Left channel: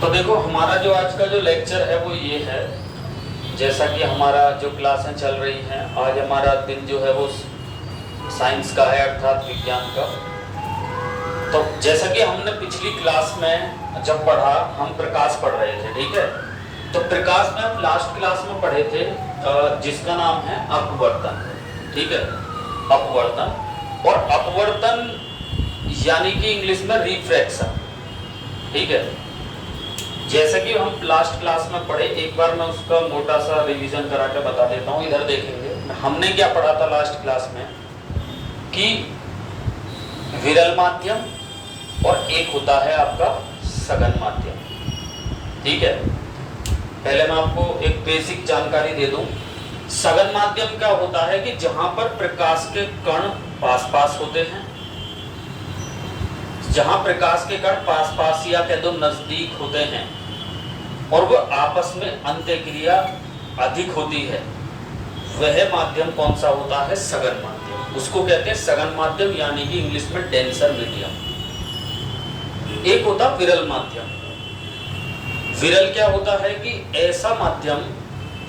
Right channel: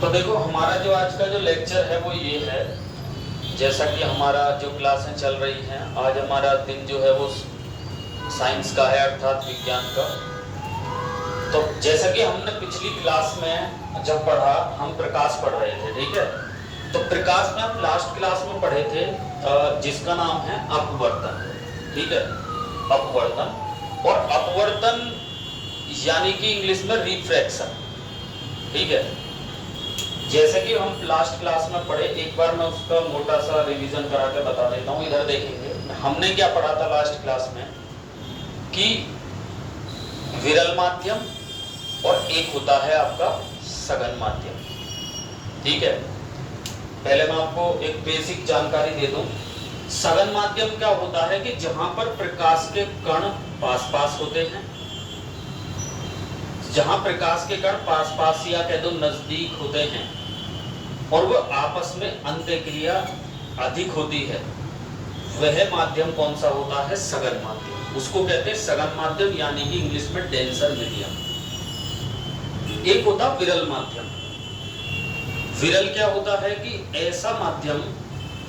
तो देखो हमारा जो आज का जो लेक्चर है वो ये है, जैसा कि हमारा जो क्लासें चल रही हैं, आज हमारा दिन जो है वो साइंस का है, अर्थात विज्ञान का। तो जैसा कि हमने पिछली क्लास में जब पढ़ा, हम प्रकाश पढ़ रहे थे, ठीक है। तो प्रकाश में हम लास्ट क्लास में पढ़े थे जिसका नाम है अपवर्तन, ठीक है। अपवर्तन, और अपवर्तन यानी कि इंग्लिश में रिफ्रैक्शन, ठीक है। जैसा कि हम लास्ट क्लास में पढ़े, एक बार मैं उसका मोटा सा रिवीजन करा के बता देता हूँ। इधर देखेंगे हमने क्या पढ़ा था लास्ट क्लास में, कि विरल माध्यम और एक होता है आपका सघन माध्यम, ठीक है। पहले मैं आपको एक बेसिक जानकारी दे दूं। सघन माध्यम क्या होता है कि जहां पर प्रकाश के कण पास पास होते हैं, जहां प्रकाश के कण पास पास या कह दो नजदीक होते हैं और वह आपस में अंतःक्रिया अधिक होती है, वह माध्यम कौन सा होता है? सघन माध्यम। उसको कहते हैं सघन माध्यम, यानी कि इंग्लिश में डेंसर मीडियम। एक होता विरल माध्यम। विरल क्या होता है कि ऐसा माध्यम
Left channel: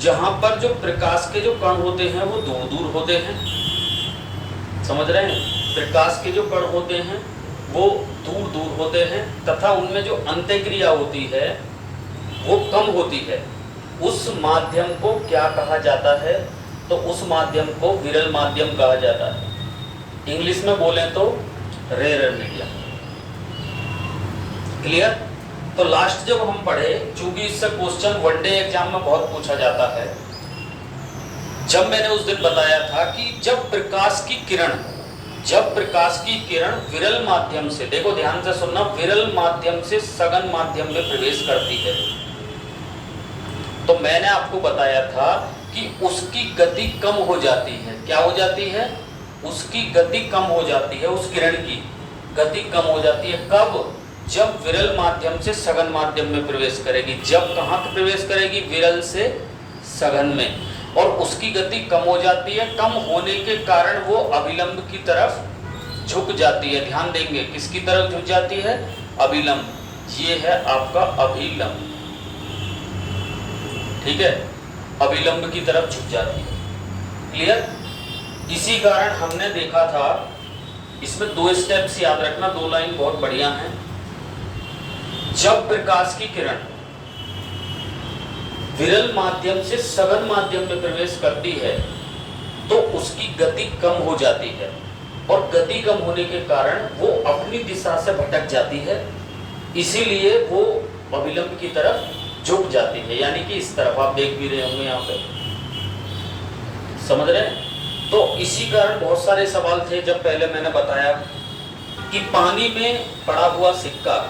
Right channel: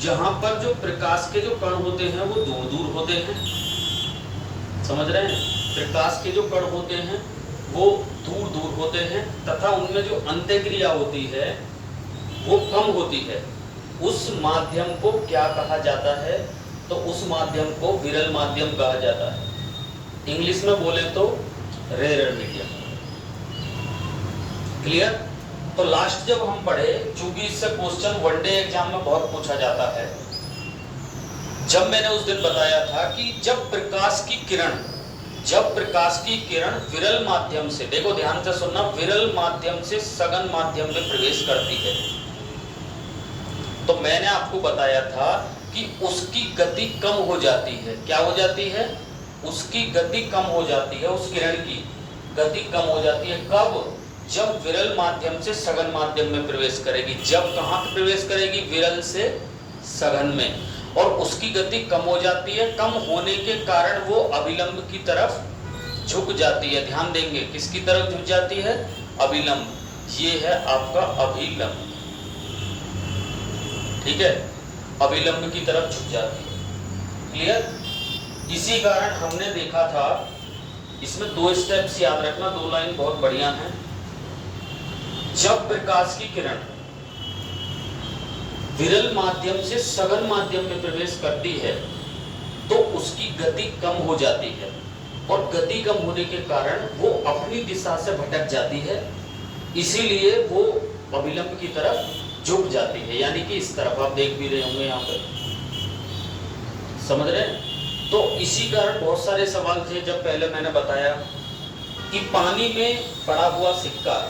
जहां पर जो प्रकाश के जो कण होते हैं वो दूर दूर होते हैं, समझ रहे हैं? प्रकाश के जो कण होते हैं वो दूर दूर होते हैं तथा उनमें जो अंतःक्रिया होती है वो कम होती है। उस माध्यम को क्या कहा जाता है? तो उस माध्यम को विरल माध्यम कहा जाता है। इंग्लिश में बोले तो रेयर मीडियम। क्लियर? तो लास्ट जब हम पढ़े, चूंकि इससे क्वेश्चन वनडे एग्जाम में बहुत पूछा जाता है, जब मैंने उस दिन बताया था कि जब प्रकाश की किरण विरल माध्यम से, देखो ध्यान से सुनना, विरल माध्यम से सघन माध्यम में प्रवेश करती है, तो मैंने आपको बताया था कि उसकी गति कम हो जाती है। क्या हो जाती है? उसकी गति कम हो जाती है, उस किरण की गति कम हो जाती है। कब? जब विरल माध्यम से सघन माध्यम में प्रवेश करेगी। जब कहाँ प्रवेश करेगी? विरल से सघन में। और उसकी गति कम हो जाती है। कम होने के कारण वो अभिलंब की तरफ झुक जाती है। ध्यान देंगे, किसकी तरफ झुक जाती है? अभिलंब। ये है आपका अभिलंब, ठीक है। अभिलंब की तरफ झुक जाती है। क्लियर? इसी कारण हमने देखा था, इसमें दो स्टेप्स याद रखना, दो लाइन बहुत बढ़िया हैं। जब प्रकाश की किरण विरल माध्यम से सघन माध्यम में प्रवेश करती है तो उसकी गति कम हो जाती है, और गति कम होने के कारण वो अपनी दिशा से भटक जाती है, इसीलिए वो अभिलंब की तरफ झुक जाती है, यानी कि इस तरफ आप देख भी रहे होंगे यहाँ पे, समझ रहे हैं? तो इसी कारण बहुत सारे सवाल थे। जब पहले मैंने बताया कि पानी में पड़ा हुआ सिक्का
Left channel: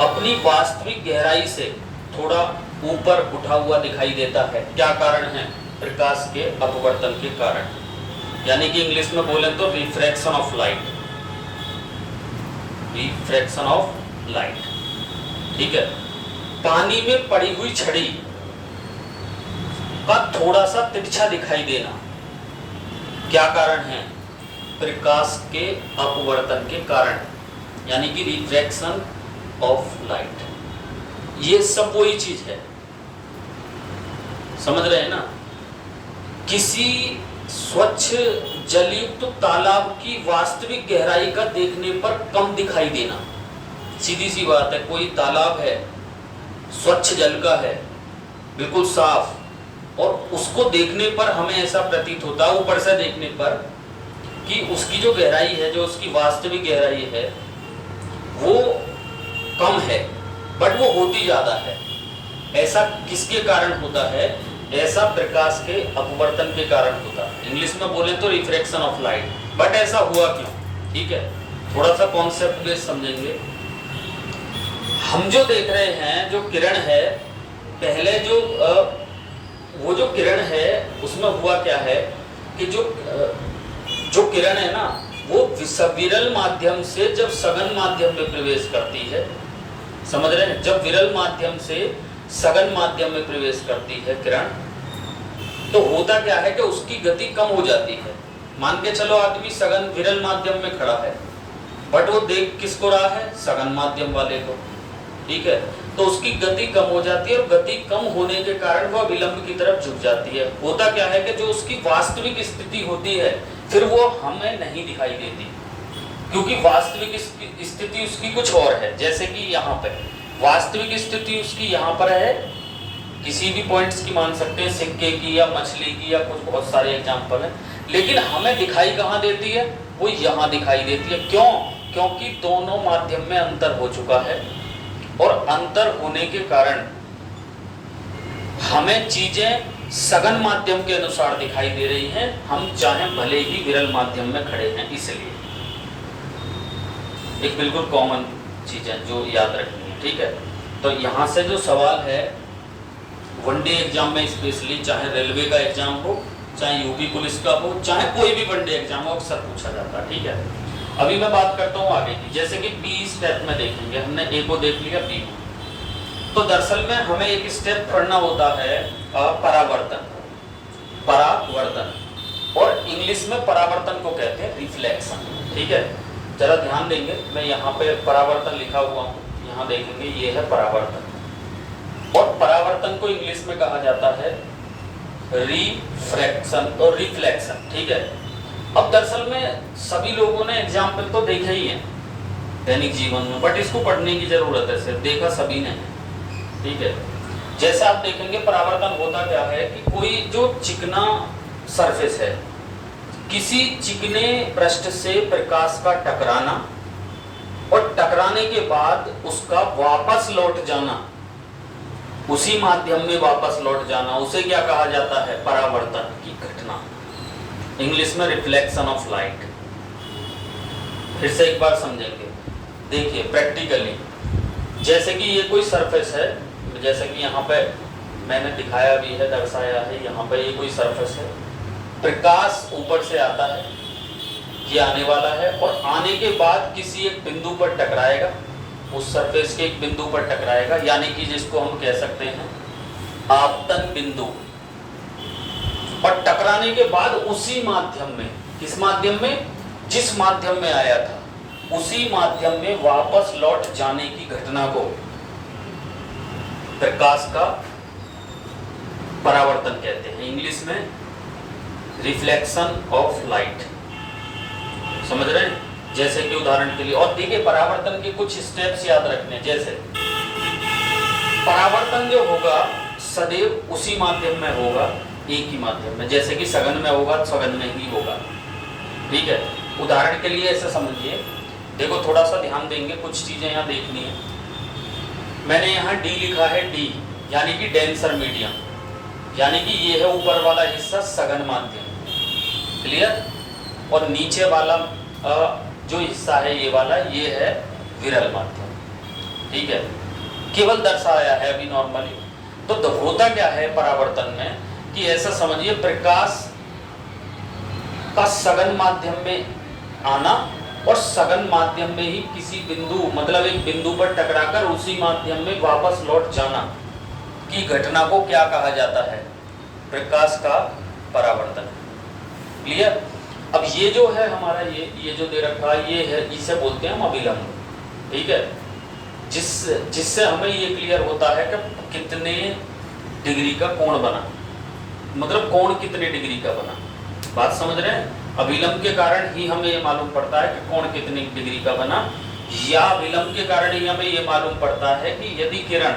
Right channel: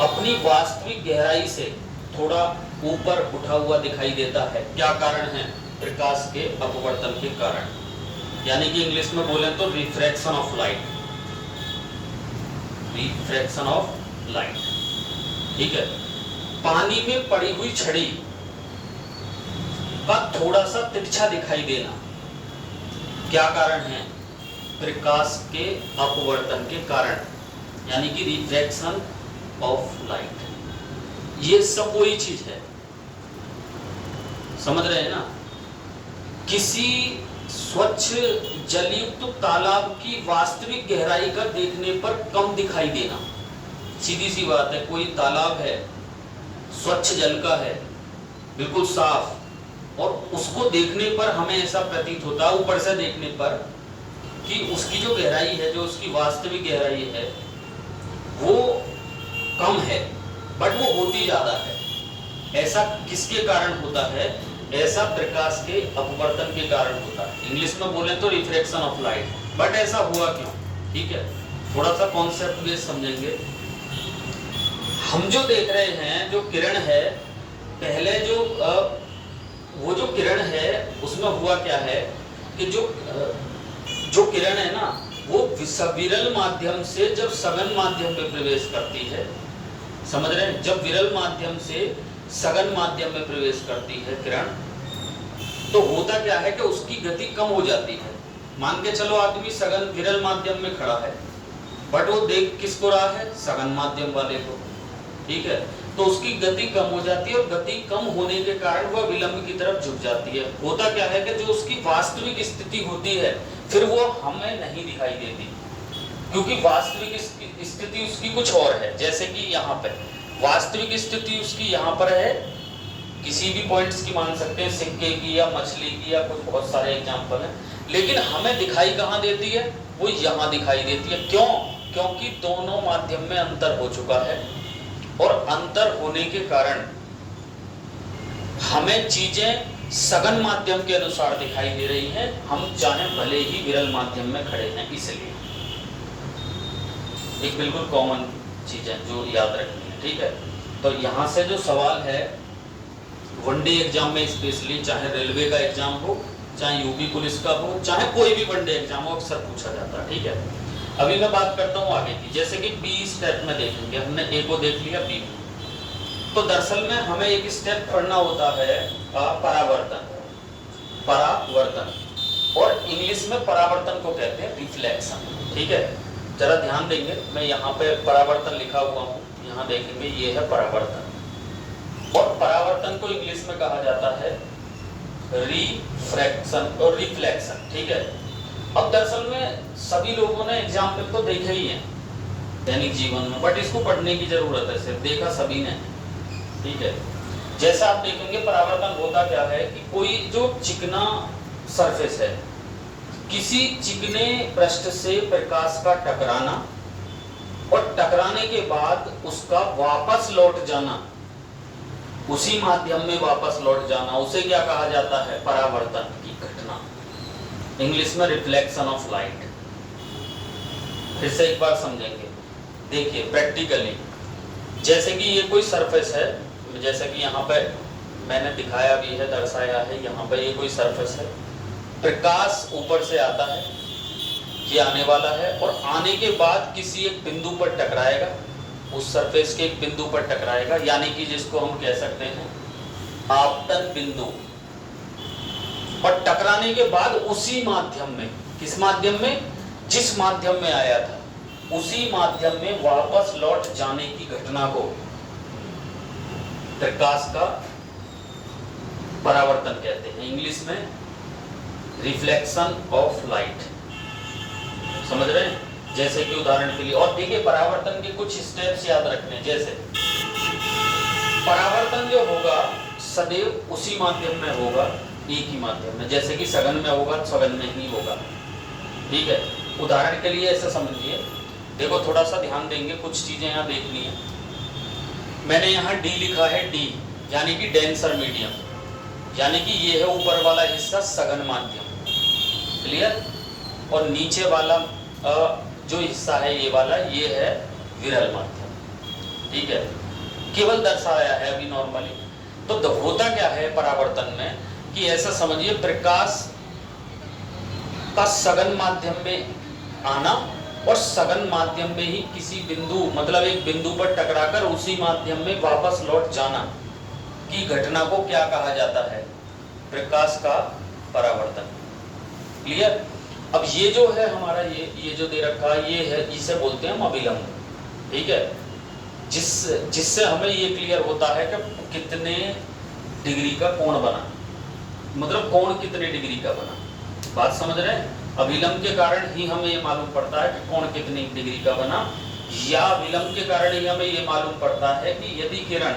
अपनी वास्तविक गहराई से थोड़ा ऊपर उठा हुआ दिखाई देता है, क्या कारण है? प्रकाश के अपवर्तन के कारण, यानी कि इंग्लिश में बोलें तो refraction of light. Refraction of light, ठीक है। पानी में पड़ी हुई छड़ी का थोड़ा सा तिरछा दिखाई देना, क्या कारण है? प्रकाश के अपवर्तन के कारण, यानी कि रिफ्रैक्शन ऑफ लाइट। ये सब वही चीज है, समझ रहे हैं ना? किसी स्वच्छ जलयुक्त तालाब की वास्तविक गहराई का देखने पर कम दिखाई देना, सीधी सी बात है। कोई तालाब है, स्वच्छ जल का है, बिल्कुल साफ, और उसको देखने पर हमें ऐसा प्रतीत होता है ऊपर से देखने पर कि उसकी जो गहराई है, जो उसकी वास्तविक गहराई है, वो कम है, बट वो होती ज्यादा है। ऐसा किसके कारण होता है? ऐसा प्रकाश के अपवर्तन के कारण होता है। इंग्लिश में बोले तो रिफ्रैक्शन ऑफ लाइट। बट ऐसा हुआ क्यों? ठीक है, थोड़ा सा कॉन्सेप्ट बेस समझेंगे। हम जो देख रहे हैं, जो किरण है, पहले वो जो किरण है उसमें हुआ क्या है कि जो किरण है ना, वो विरल माध्यम से जब सघन माध्यम में प्रवेश करती है, समझ रहे हैं? जब विरल माध्यम से सघन माध्यम में प्रवेश करती है किरण, तो होता क्या है कि उसकी गति कम हो जाती है। मान के चलो आदमी सघन विरल माध्यम में खड़ा है, बट वो देख किसको रहा है? सघन माध्यम वाले को। ठीक है, तो उसकी गति कम हो जाती है और गति कम होने के कारण वह विलंब की तरफ झुक जाती है। होता क्या है कि जो उसकी वास्तविक स्थिति होती है फिर वो हमें नहीं दिखाई देती, क्योंकि वास्तविक स्थिति उसकी कुछ और है। जैसे कि यहाँ पे वास्तविक स्थिति उसकी यहाँ पर है, किसी भी पॉइंट्स की मान सकते हैं, सिक्के की या मछली की या कुछ बहुत सारे एग्जाम्पल हैं, लेकिन हमें दिखाई कहाँ देती है, वो यहाँ दिखाई देती है। क्यों? क्योंकि दोनों माध्यम में अंतर हो चुका है और अंतर होने के कारण हमें चीजें सघन माध्यम के अनुसार दिखाई दे रही हैं, हम चाहे भले ही विरल माध्यम में खड़े हैं। इसलिए एक बिल्कुल कॉमन चीज है जो याद रखनी है, ठीक है। तो यहां से जो सवाल है वनडे एग्जाम में स्पेशली, चाहे रेलवे का एग्जाम हो, चाहे यूपी पुलिस का हो, चाहे कोई भी वनडे एग्जाम हो, अक्सर पूछा जाता है, ठीक है। अभी मैं बात करता हूँ आगे की, जैसे कि बी स्टेप में देखेंगे, हमने ए को देख लिया, बी को। तो दरअसल में हमें एक स्टेप पढ़ना होता है परावर्तन, परावर्तन, और इंग्लिश में परावर्तन को कहते हैं रिफ्लेक्शन, ठीक है। जरा ध्यान देंगे, मैं यहाँ पे परावर्तन लिखा हुआ हूँ, यहाँ देखेंगे ये है परावर्तन, और परावर्तन को इंग्लिश में कहा जाता है रिफ्रैक्शन और रिफ्लेक्शन, ठीक है। अब दरअसल में सभी लोगों ने एग्जाम्पल तो देखा ही है दैनिक जीवन में, बट इसको पढ़ने की जरूरत है, सिर्फ देखा सभी ने, ठीक है। जैसे आप देखेंगे परावर्तन होता क्या है कि कोई जो चिकना सरफेस है, किसी चिकने पृष्ठ से प्रकाश का टकराना और टकराने के बाद उसका वापस लौट जाना, उसी माध्यम में वापस लौट जाना, उसे क्या कहा जाता है? परावर्तन की घटना, इंग्लिश में रिफ्लेक्शन ऑफ लाइट। फिर से एक बार समझेंगे, देखिए प्रैक्टिकली, जैसे कि ये कोई सरफेस है, जैसे कि यहाँ पे मैंने दिखाया भी है, दर्शाया है, यहाँ पे ये कोई सरफेस है, प्रकाश ऊपर से आता है, ये आने वाला है, और आने के बाद किसी एक बिंदु पर टकराएगा, उस सरफेस के एक बिंदु पर टकराएगा, यानी कि जिसको हम कह सकते हैं आपतन बिंदु, और टकराने के बाद उसी माध्यम में, किस माध्यम में? जिस माध्यम में आया था उसी माध्यम में वापस लौट जाने की घटना को प्रकाश का परावर्तन कहते हैं, इंग्लिश में रिफ्लेक्शन ऑफ लाइट। समझ रहे हैं? जैसे कि उदाहरण के लिए, और देखिए परावर्तन के कुछ स्टेप्स याद रखने, जैसे परावर्तन जो होगा सदैव उसी माध्यम में होगा, एक ही माध्यम में, जैसे कि सघन में होगा सघन में ही होगा, ठीक है। उदाहरण के लिए ऐसे समझिए, देखो थोड़ा सा ध्यान देंगे, कुछ चीजें यहाँ देखनी है। मैंने यहाँ डी लिखा है, डी यानी कि डेंसर मीडियम, यानी कि ये है ऊपर वाला हिस्सा सघन माध्यम, क्लियर, और नीचे वाला जो हिस्सा है ये वाला, ये है विरल माध्यम, ठीक है। केवल दर्शाया है अभी नॉर्मली। तो होता क्या है परावर्तन में कि ऐसा समझिए, प्रकाश का सघन माध्यम में आना और सघन माध्यम में ही किसी बिंदु, मतलब एक बिंदु पर टकराकर उसी माध्यम में वापस लौट जाना की घटना को क्या कहा जाता है? प्रकाश का परावर्तन, क्लियर। अब ये जो है हमारा, ये जो दे रखा है, ये है, इसे बोलते हैं हम अभिलंब, ठीक है। जिससे हमें ये क्लियर होता है कि कितने डिग्री का कोण बना, मतलब कोण कितने डिग्री का बना, बात समझ रहे हैं? अभिलंब के कारण ही हमें ये मालूम पड़ता है कि कोण कितनी डिग्री का बना, या विलंब के कारण ही हमें ये मालूम पड़ता है कि यदि किरण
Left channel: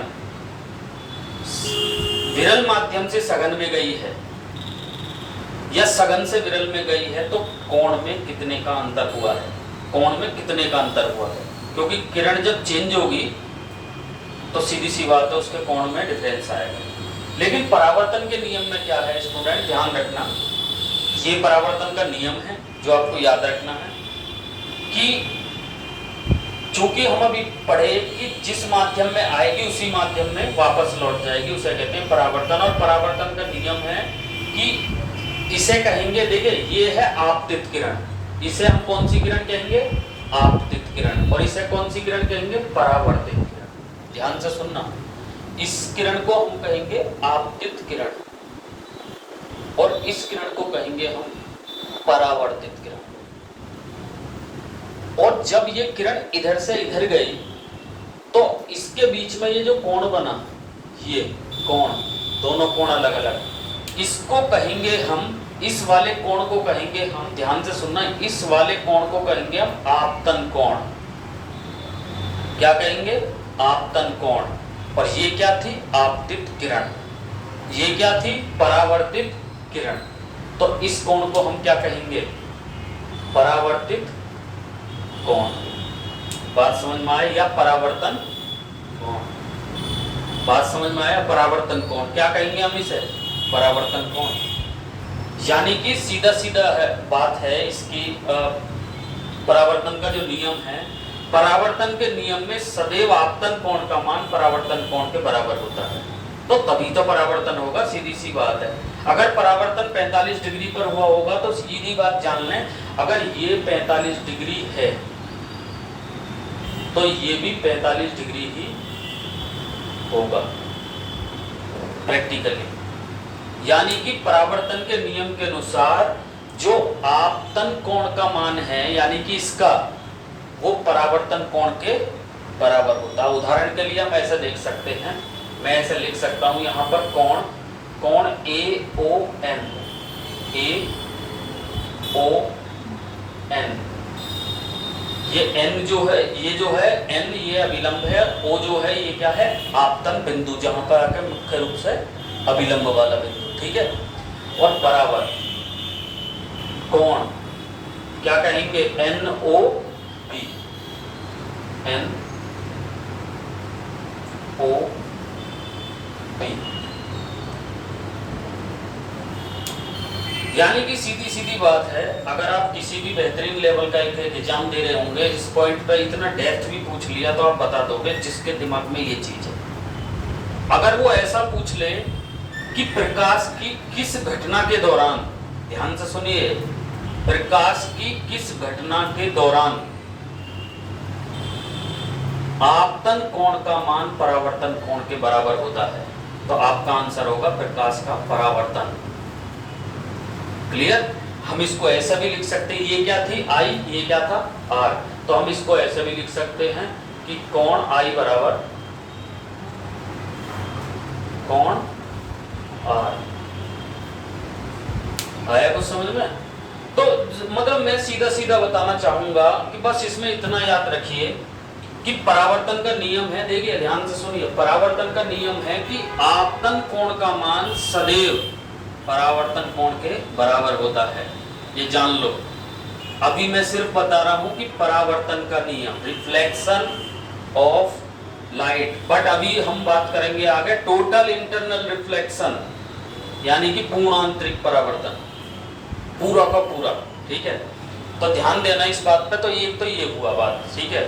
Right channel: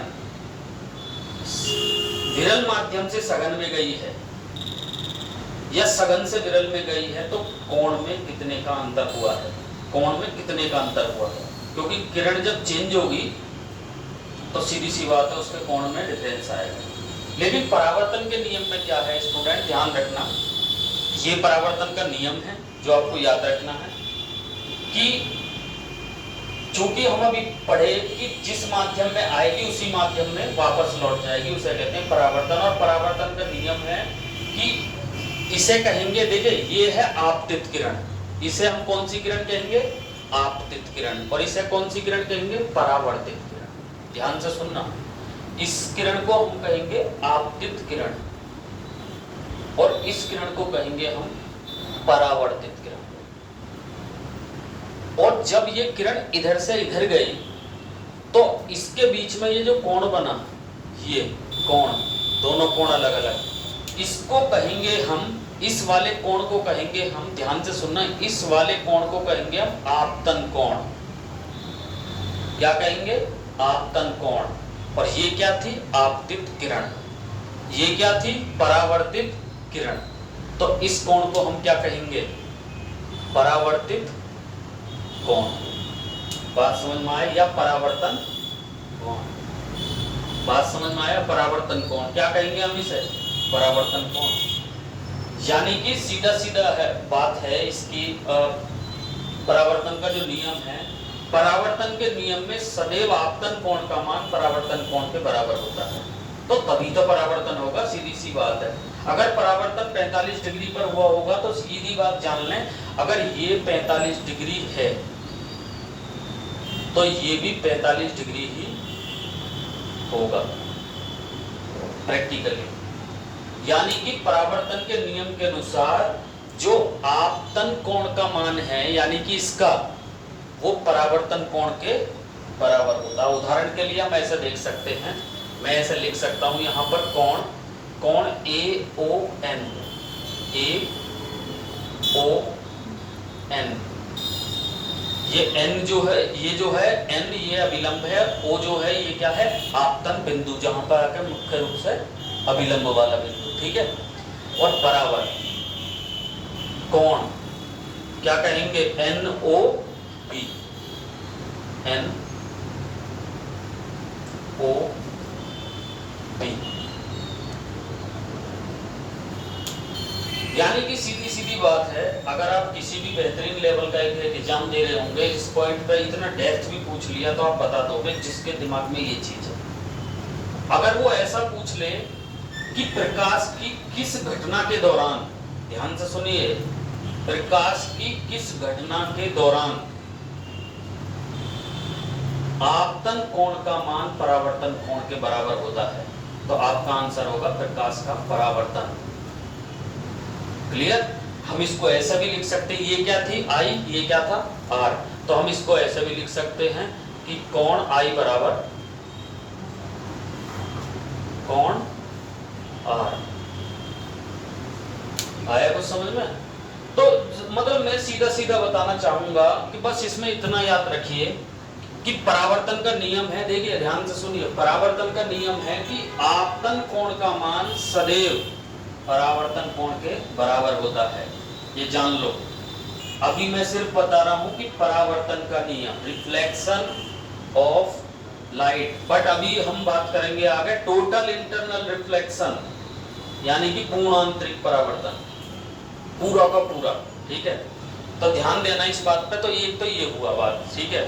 विरल माध्यम से सघन में गई है या सघन से विरल में गई है तो कोण में कितने का अंतर हुआ है, कोण में कितने का अंतर हुआ है, क्योंकि किरण जब चेंज होगी तो सीधी सी बात है उसके कोण में डिफरेंस आएगा। लेकिन परावर्तन के नियम में क्या है स्टूडेंट, ध्यान रखना, ये परावर्तन का नियम है जो आपको याद रखना है कि चूंकि हम अभी पढ़े कि जिस माध्यम में आएगी उसी माध्यम में वापस लौट जाएगी, उसे कहते हैं परावर्तन। और परावर्तन का नियम है कि इसे कहेंगे, देखिए ये है आपतित किरण, इसे हम कौन सी किरण कहेंगे? आपतित किरण। और इसे कौन सी किरण कहेंगे? परावर्तित किरण। ध्यान से सुनना, इस किरण को हम कहेंगे आपतित किरण और इस किरण को कहेंगे हम परावर्तित किरण। और जब ये किरण इधर से इधर गई तो इसके बीच में ये जो कोण बना, ये कोण, दोनों कोण अलग अलग, इसको कहेंगे हम, इस वाले कोण को कहेंगे हम, ध्यान से सुनना, इस वाले कोण को कहेंगे हम आपतन कोण। क्या कहेंगे? आपतन कोण। और ये क्या थी? आपतित किरण। ये क्या थी? परावर्तित किरण। तो इस कोण को हम क्या कहेंगे? परावर्तित कोण। बात समझ में आया? या परावर्तन कोण। बात समझ में आया? परावर्तन कोण क्या कहेंगे हम इसे? परावर्तन कोण। यानी कि सीधा सीधा है बात है इसकी। परावर्तन का जो नियम है, परावर्तन के नियम में सदैव आपतन कोण का मान परावर्तन कोण के बराबर होता है, तो तभी तो परावर्तन होगा। सीधी सी बात है। अगर परावर्तन 45 डिग्री पर हुआ होगा तो सीधी बात जान लें, अगर ये 45 डिग्री है तो ये भी 45 डिग्री ही होगा प्रैक्टिकली। यानी कि परावर्तन के नियम के अनुसार जो आपतन कोण का मान है, यानी कि इसका, वो परावर्तन कोण के बराबर होता है। उदाहरण के लिए हम ऐसे देख सकते हैं, मैं ऐसे लिख सकता हूं यहाँ पर कोण, कोण AON, AON। ये n जो है, ये जो है n, ये अभिलंब है, o जो है ये क्या है? आपतन बिंदु, जहां पर आकर मुख्य रूप से अभिलंब वाला बिंदु, ठीक है। और बराबर कोण क्या कहेंगे? NOB, NOB। यानी कि सीधी सीधी बात है, अगर आप किसी भी बेहतरीन लेवल का एक एग्जाम दे रहे होंगे, इस पॉइंट पे इतना डेप्थ भी पूछ लिया तो आप बता दोगे जिसके दिमाग में ये चीज है। अगर वो ऐसा पूछ ले कि प्रकाश की किस घटना के दौरान, ध्यान से सुनिए, प्रकाश की किस घटना के दौरान आपतन कोण का मान परावर्तन कोण के बराबर होता है, तो आपका आंसर होगा प्रकाश का परावर्तन। क्लियर? हम इसको ऐसा भी लिख सकते हैं, ये क्या थी? I, ये क्या था? R। तो हम इसको ऐसे भी लिख सकते हैं कि कोण I बराबर कोण R। आया कुछ समझ में? तो मतलब मैं सीधा सीधा बताना चाहूंगा कि बस इसमें इतना याद रखिए कि परावर्तन का नियम है, देखिए ध्यान से सुनिए, परावर्तन का नियम है कि आपतन कोण का मान सदैव परावर्तन कोण के बराबर होता है। ये जान लो। अभी मैं सिर्फ बता रहा हूं कि परावर्तन का नियम, रिफ्लेक्शन ऑफ लाइट, बट अभी हम बात करेंगे आगे टोटल इंटरनल रिफ्लेक्शन, यानी कि पूर्ण आंतरिक परावर्तन, पूरा का पूरा, ठीक है। तो ध्यान देना इस बात पे। तो ये हुआ बात, ठीक है।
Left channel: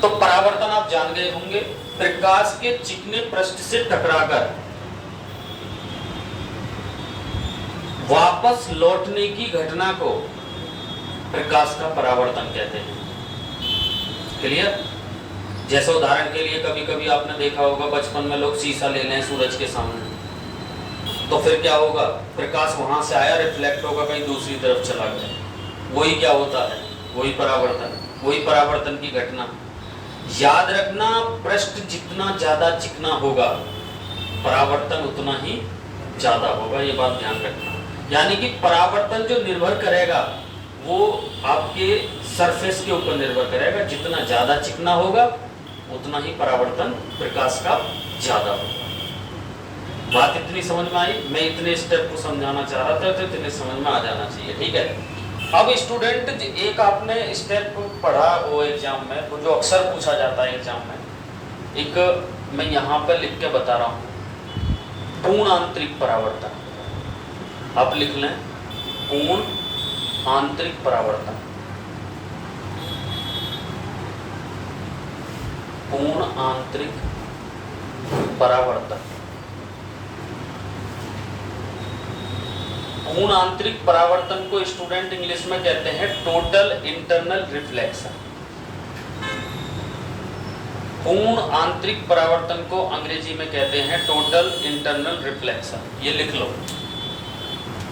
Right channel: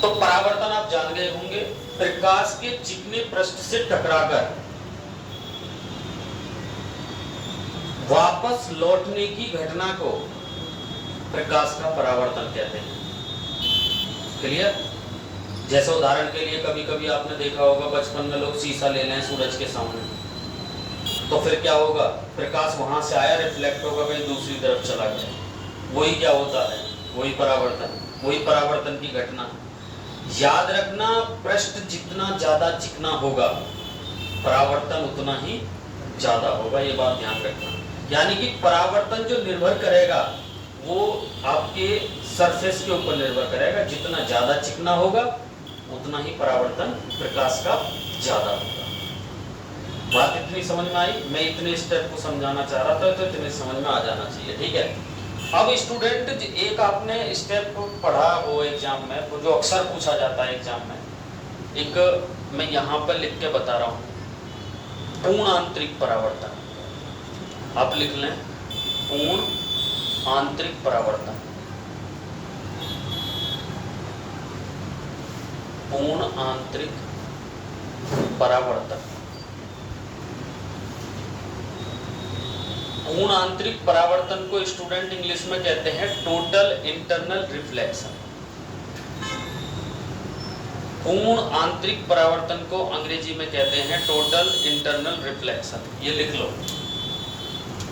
तो परावर्तन आप जान गए होंगे, प्रकाश के चिकने पृष्ठ से टकराकर वापस लौटने की घटना को प्रकाश का परावर्तन कहते हैं। क्लियर? जैसे उदाहरण के लिए कभी कभी आपने देखा होगा बचपन में लोग शीशा ले लें सूरज के सामने, तो फिर क्या होगा? प्रकाश वहां से आया, रिफ्लेक्ट होगा, कहीं दूसरी तरफ चला गया। वही क्या होता है? वही परावर्तन, वही परावर्तन की घटना। याद रखना, पृष्ठ जितना ज्यादा चिकना होगा परावर्तन उतना ही ज्यादा होगा, ये बात ध्यान रखना। यानी कि परावर्तन जो निर्भर करेगा वो आपके सरफेस के ऊपर निर्भर करेगा, जितना ज्यादा चिकना होगा उतना ही परावर्तन प्रकाश का ज्यादा होगा। बात इतनी समझ में आई? मैं इतने स्टेप को समझाना चाह रहा था, तो इतने समझ में आ जाना चाहिए, ठीक है। अब स्टूडेंट, एक आपने स्टेप पढ़ा वो एग्जाम में, तो जो अक्सर पूछा जाता है एग्जाम में, एक मैं यहाँ पर लिख के बता रहा हूँ, पूर्ण आंतरिक परावर्तन। आप लिख लें, पूर्ण आंतरिक परावर्तन, पूर्ण आंतरिक परावर्तन। पूर्ण आंतरिक परावर्तन को स्टूडेंट इंग्लिश में कहते हैं टोटल इंटरनल रिफ्लेक्शन। पूर्ण आंतरिक परावर्तन को अंग्रेजी में कहते हैं टोटल इंटरनल रिफ्लेक्शन। ये लिख लो,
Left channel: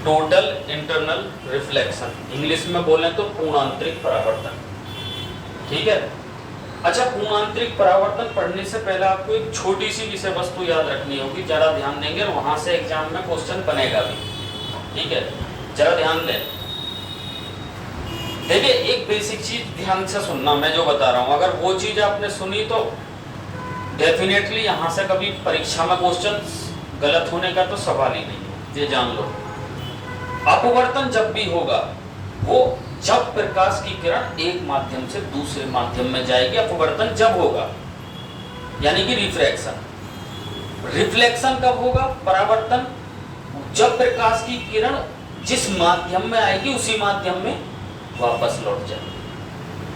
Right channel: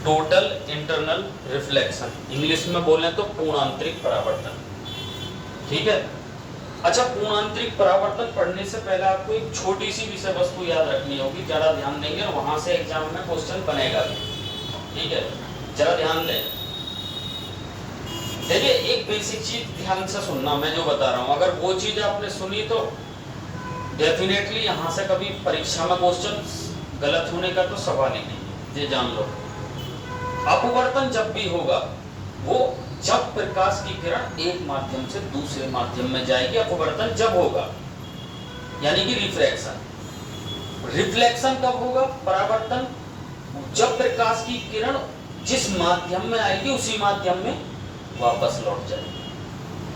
टोटल इंटरनल रिफ्लेक्शन। इंग्लिश में बोलें तो पूर्ण आंतरिक परावर्तन, ठीक है। अच्छा, पूर्णांतरिक परावर्तन पढ़ने से पहले आपको एक छोटी सी विषय वस्तु याद रखनी होगी, जरा ध्यान देंगे और वहां से एग्जाम में क्वेश्चन बनेगा भी, ठीक है, जरा ध्यान दें। देखिए एक बेसिक चीज ध्यान से सुनना, मैं जो बता रहा हूं अगर वो चीज आपने सुनी तो डेफिनेटली यहां से कभी परीक्षा में क्वेश्चन गलत होने का तो सवाल ही नहीं है, ये जान लो। अपवर्तन जब भी होगा वो जब प्रकाश की किरण एक माध्यम से दूसरे माध्यम में जाएगी, अपवर्तन जब होगा, यानी कि रिफ्रैक्शन। रिफ्लेक्शन कब होगा? परावर्तन जब प्रकाश की किरण जिस माध्यम में आएगी उसी माध्यम में वापस लौट जाए,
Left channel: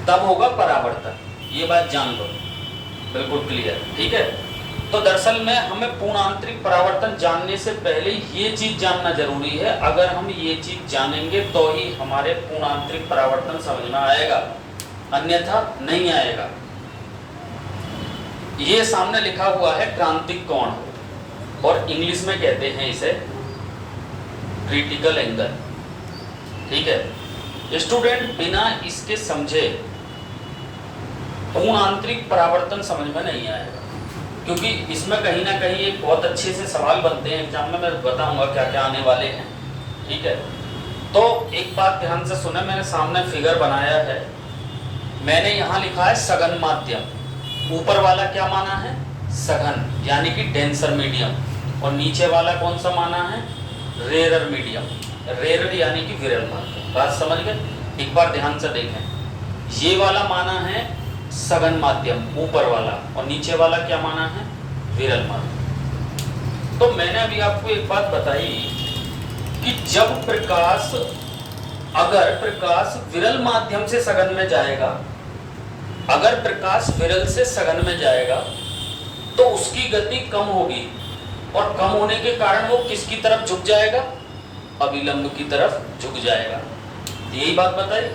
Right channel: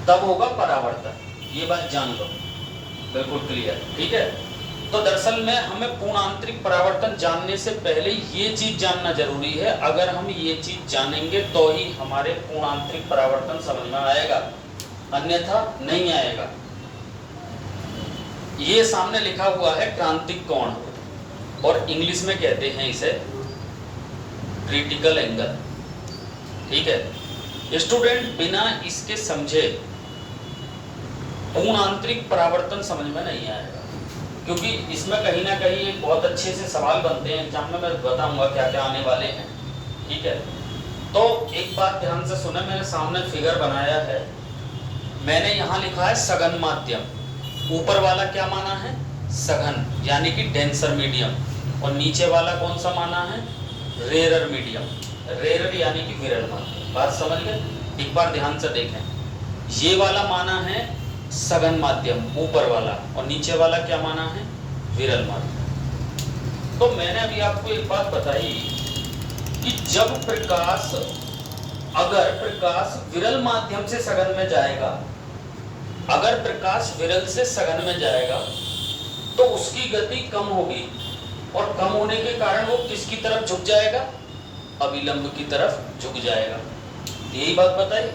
तब होगा परावर्तन। ये बात जान लो, बिल्कुल क्लियर, ठीक है। तो दरअसल में हमें पूर्णांतरिक परावर्तन जानने से पहले ये चीज जानना जरूरी है। अगर हम ये चीज जानेंगे तो ही हमारे पूर्णांतरिक परावर्तन समझ में आएगा, अन्यथा नहीं आएगा। ये सामने लिखा हुआ है क्रांतिक कोण, और इंग्लिश में कहते हैं इसे क्रिटिकल एंगल, ठीक है। स्टूडेंट बिना इसके समझे पूर्णांतरिक परावर्तन समझ में नहीं आएगा, क्योंकि इसमें कहीं ना कहीं एक बहुत अच्छे से सवाल बनते हैं एग्जाम में, मैं बताऊंगा क्या क्या आने वाले हैं, ठीक है। तो एक बात ध्यान से सुने, मैंने सामने फिगर बनाया है, मैंने यहाँ लिखा है सघन माध्यम। ऊपर वाला क्या माना है? सघन, यानी कि डेंसर मीडियम, और नीचे वाला कौन सा माना है? Rarer medium. रेरर यानी कि विरल माध्यम। बात समझ गए? एक बार ध्यान से देखें, ये वाला माना है सघन माध्यम ऊपर वाला, और नीचे वाला क्या माना है? विरल माध्यम। तो मैंने अभी आपको एक बात बताई कि जब प्रकाश, अगर प्रकाश विरल माध्यम से सघन में जाएगा, अगर प्रकाश विरल से सघन में जाएगा तो उसकी गति कम होगी, और कम होने के कारण वो किसकी तरफ झुक जाएगा? अभिलंब की तरफ झुक जाएगा। यही बात बताई।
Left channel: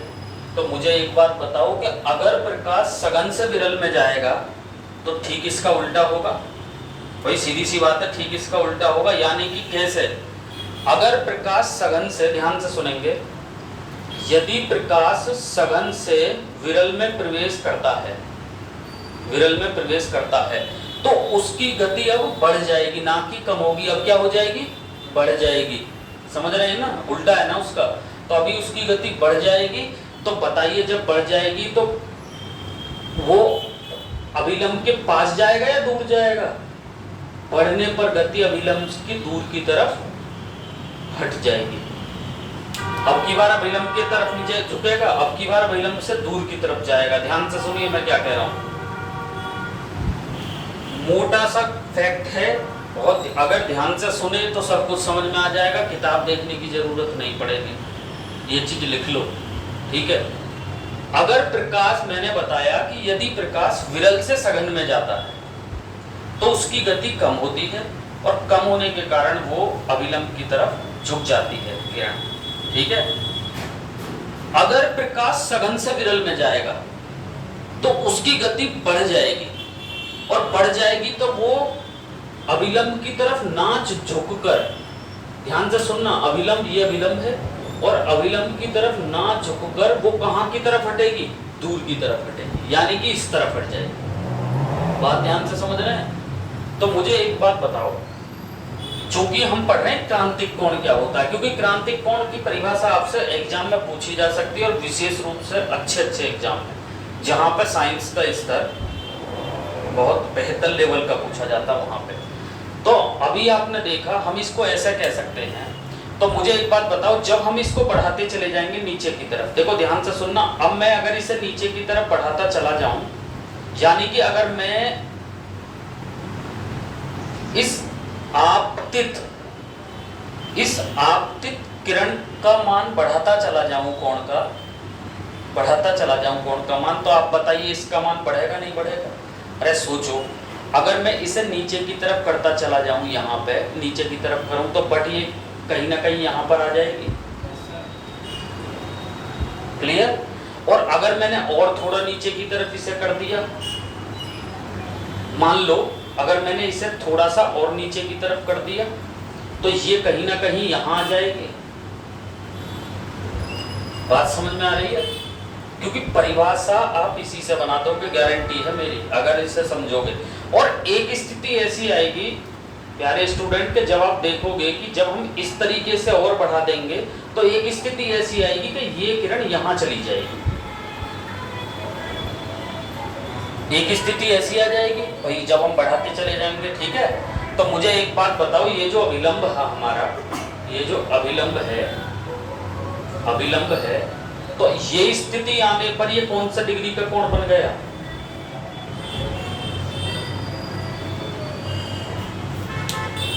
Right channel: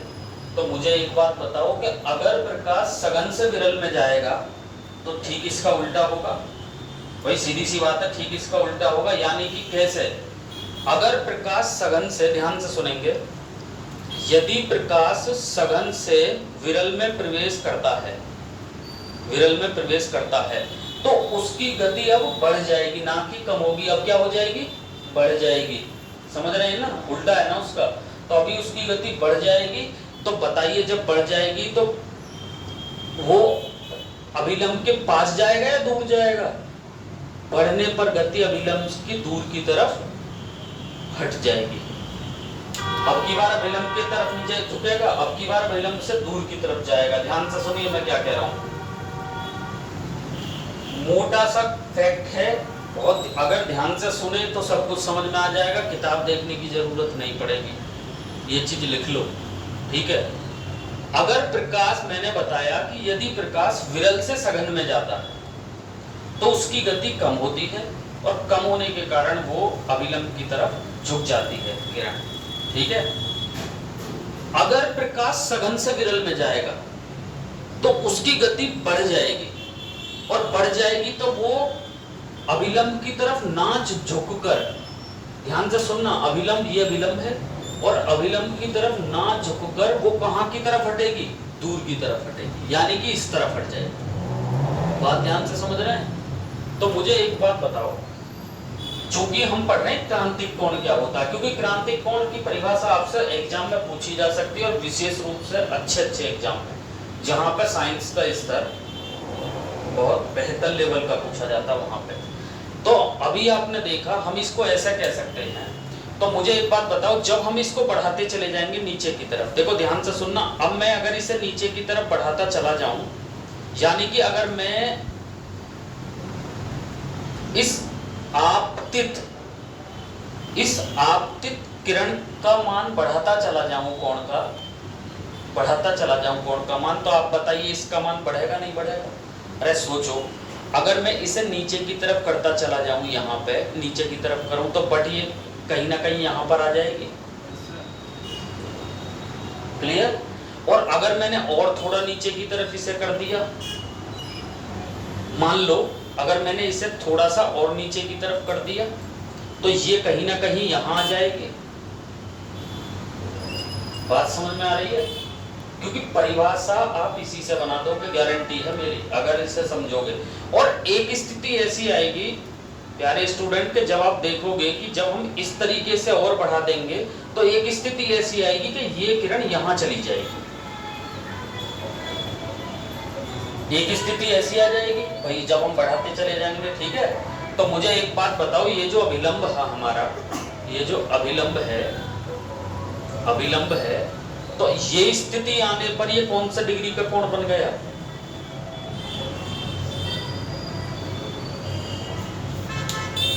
तो मुझे एक बात बताओ कि अगर प्रकाश सघन से विरल में जाएगा तो ठीक इसका उल्टा होगा। भाई सीधी सी बात है, ठीक इसका उल्टा होगा। यानी कि कैसे? अगर प्रकाश सघन से, ध्यान से सुनेंगे, यदि प्रकाश सघन से विरल में प्रवेश करता है, विरल में प्रवेश करता है, तो उसकी गति अब बढ़ जाएगी, ना कि कम होगी। अब क्या हो जाएगी? बढ़ जाएगी। समझ रहे हैं ना? उल्टा है ना उसका। तो अभी उसकी गति बढ़ जाएगी। तो बताइए, जब बढ़ जाएगी तो वो अभिलंब के पास जाएगा या दूर जाएगा? बढ़ने पर गति अभिलंब की दूर की तरफ हट जाएगी। अब की बार अभिलंब की तरफ नीचे झुकेगा, अब की बार अभिलंब से दूर की तरफ जाएगा। ध्यान से सुनिए मैं क्या कह रहा हूं। मोटा सा फैक्ट है, बहुत, अगर ध्यान से सुने तो सब कुछ समझ में आ जाएगा, किताब देखने की जरूरत नहीं पड़ेगी। ये चीज लिख लो, ठीक है। अगर प्रकाश, मैंने बताया कि यदि प्रकाश विरल से सघन में जाता है तो उसकी गति कम होती है, और कम होने के कारण वो अभिलंब की तरफ झुक जाती है किरण, ठीक है। अगर प्रकाश सघन से विरल में जाएगा तो उसकी गति बढ़ जाएगी, और बढ़ जाएगी तो वो अभिलंब की तरफ नाच झुककर, ध्यान से सुनना, अभिलंब, ये अभिलंब है, और अभिलंब की तरफ ना झुककर वो कहां की तरफ हटेगी? दूर की तरफ हटेगी, यानी कि इस तरफ हट जाएगी। बात ध्यान से समझ रहे हैं? तो मुझे एक बात बताओ, चूंकि हम पढ़ रहे हैं क्रांतिक कोण क्या होता है, क्योंकि क्रांतिक कोण की परिभाषा आपसे एग्जाम में पूछी जा सकती है, और विशेष रूप से अच्छे अच्छे एग्जाम में, जहां पर साइंस का स्तर बहुत बेहतर लेवल का पूछा जाता है वहां पे। तो अभी आपने देखा, हम इसको ऐसा कह सकते हैं। तो मुझे एक बात बताओ, जब हम इसको बढ़ाते चले जाएंगे नीचे की तरफ, देखो ध्यान से सुनना, अब मैं अगर इसे नीचे की तरफ बढ़ाता चला जाऊं, यानी कि अगर मैं इस आपतित किरण का मान बढ़ाता चला जाऊं, कोण का बढ़ाता चला जाऊं, कोण का मान, तो आप बताइए इसका मान बढ़ेगा नहीं बढ़ेगा? अरे सोचो, अगर मैं इसे नीचे की तरफ करता चला जाऊं, यहाँ पे नीचे की तरफ करूं, तो बट ये कहीं ना कहीं यहाँ पर आ जाएगी। क्लियर? और अगर मैंने और थोड़ा नीचे की तरफ इसे कर दिया, मान लो अगर मैंने इसे थोड़ा सा और नीचे की तरफ कर दिया, तो ये कहीं ना कहीं यहां आ जाएगी। बात समझ में आ रही है? क्योंकि परिभाषा आप इसी से बनाते हो, कि गारंटी है मेरी अगर इसे समझोगे। और एक स्थिति ऐसी आएगी प्यारे स्टूडेंट के, जब आप देखोगे कि जब हम इस तरीके से और बढ़ा देंगे तो एक स्थिति ऐसी आएगी कि ये किरण यहां चली जाएगी, एक स्थिति ऐसी आ जाएगी भाई जब हम बढ़ाते चले जाएंगे, ठीक है। तो मुझे एक बात बताओ, ये जो अभिलंब है हमारा, ये जो अभिलंब है, तो ये स्थिति आने पर ये कौन सा डिग्री का कोण बन गया?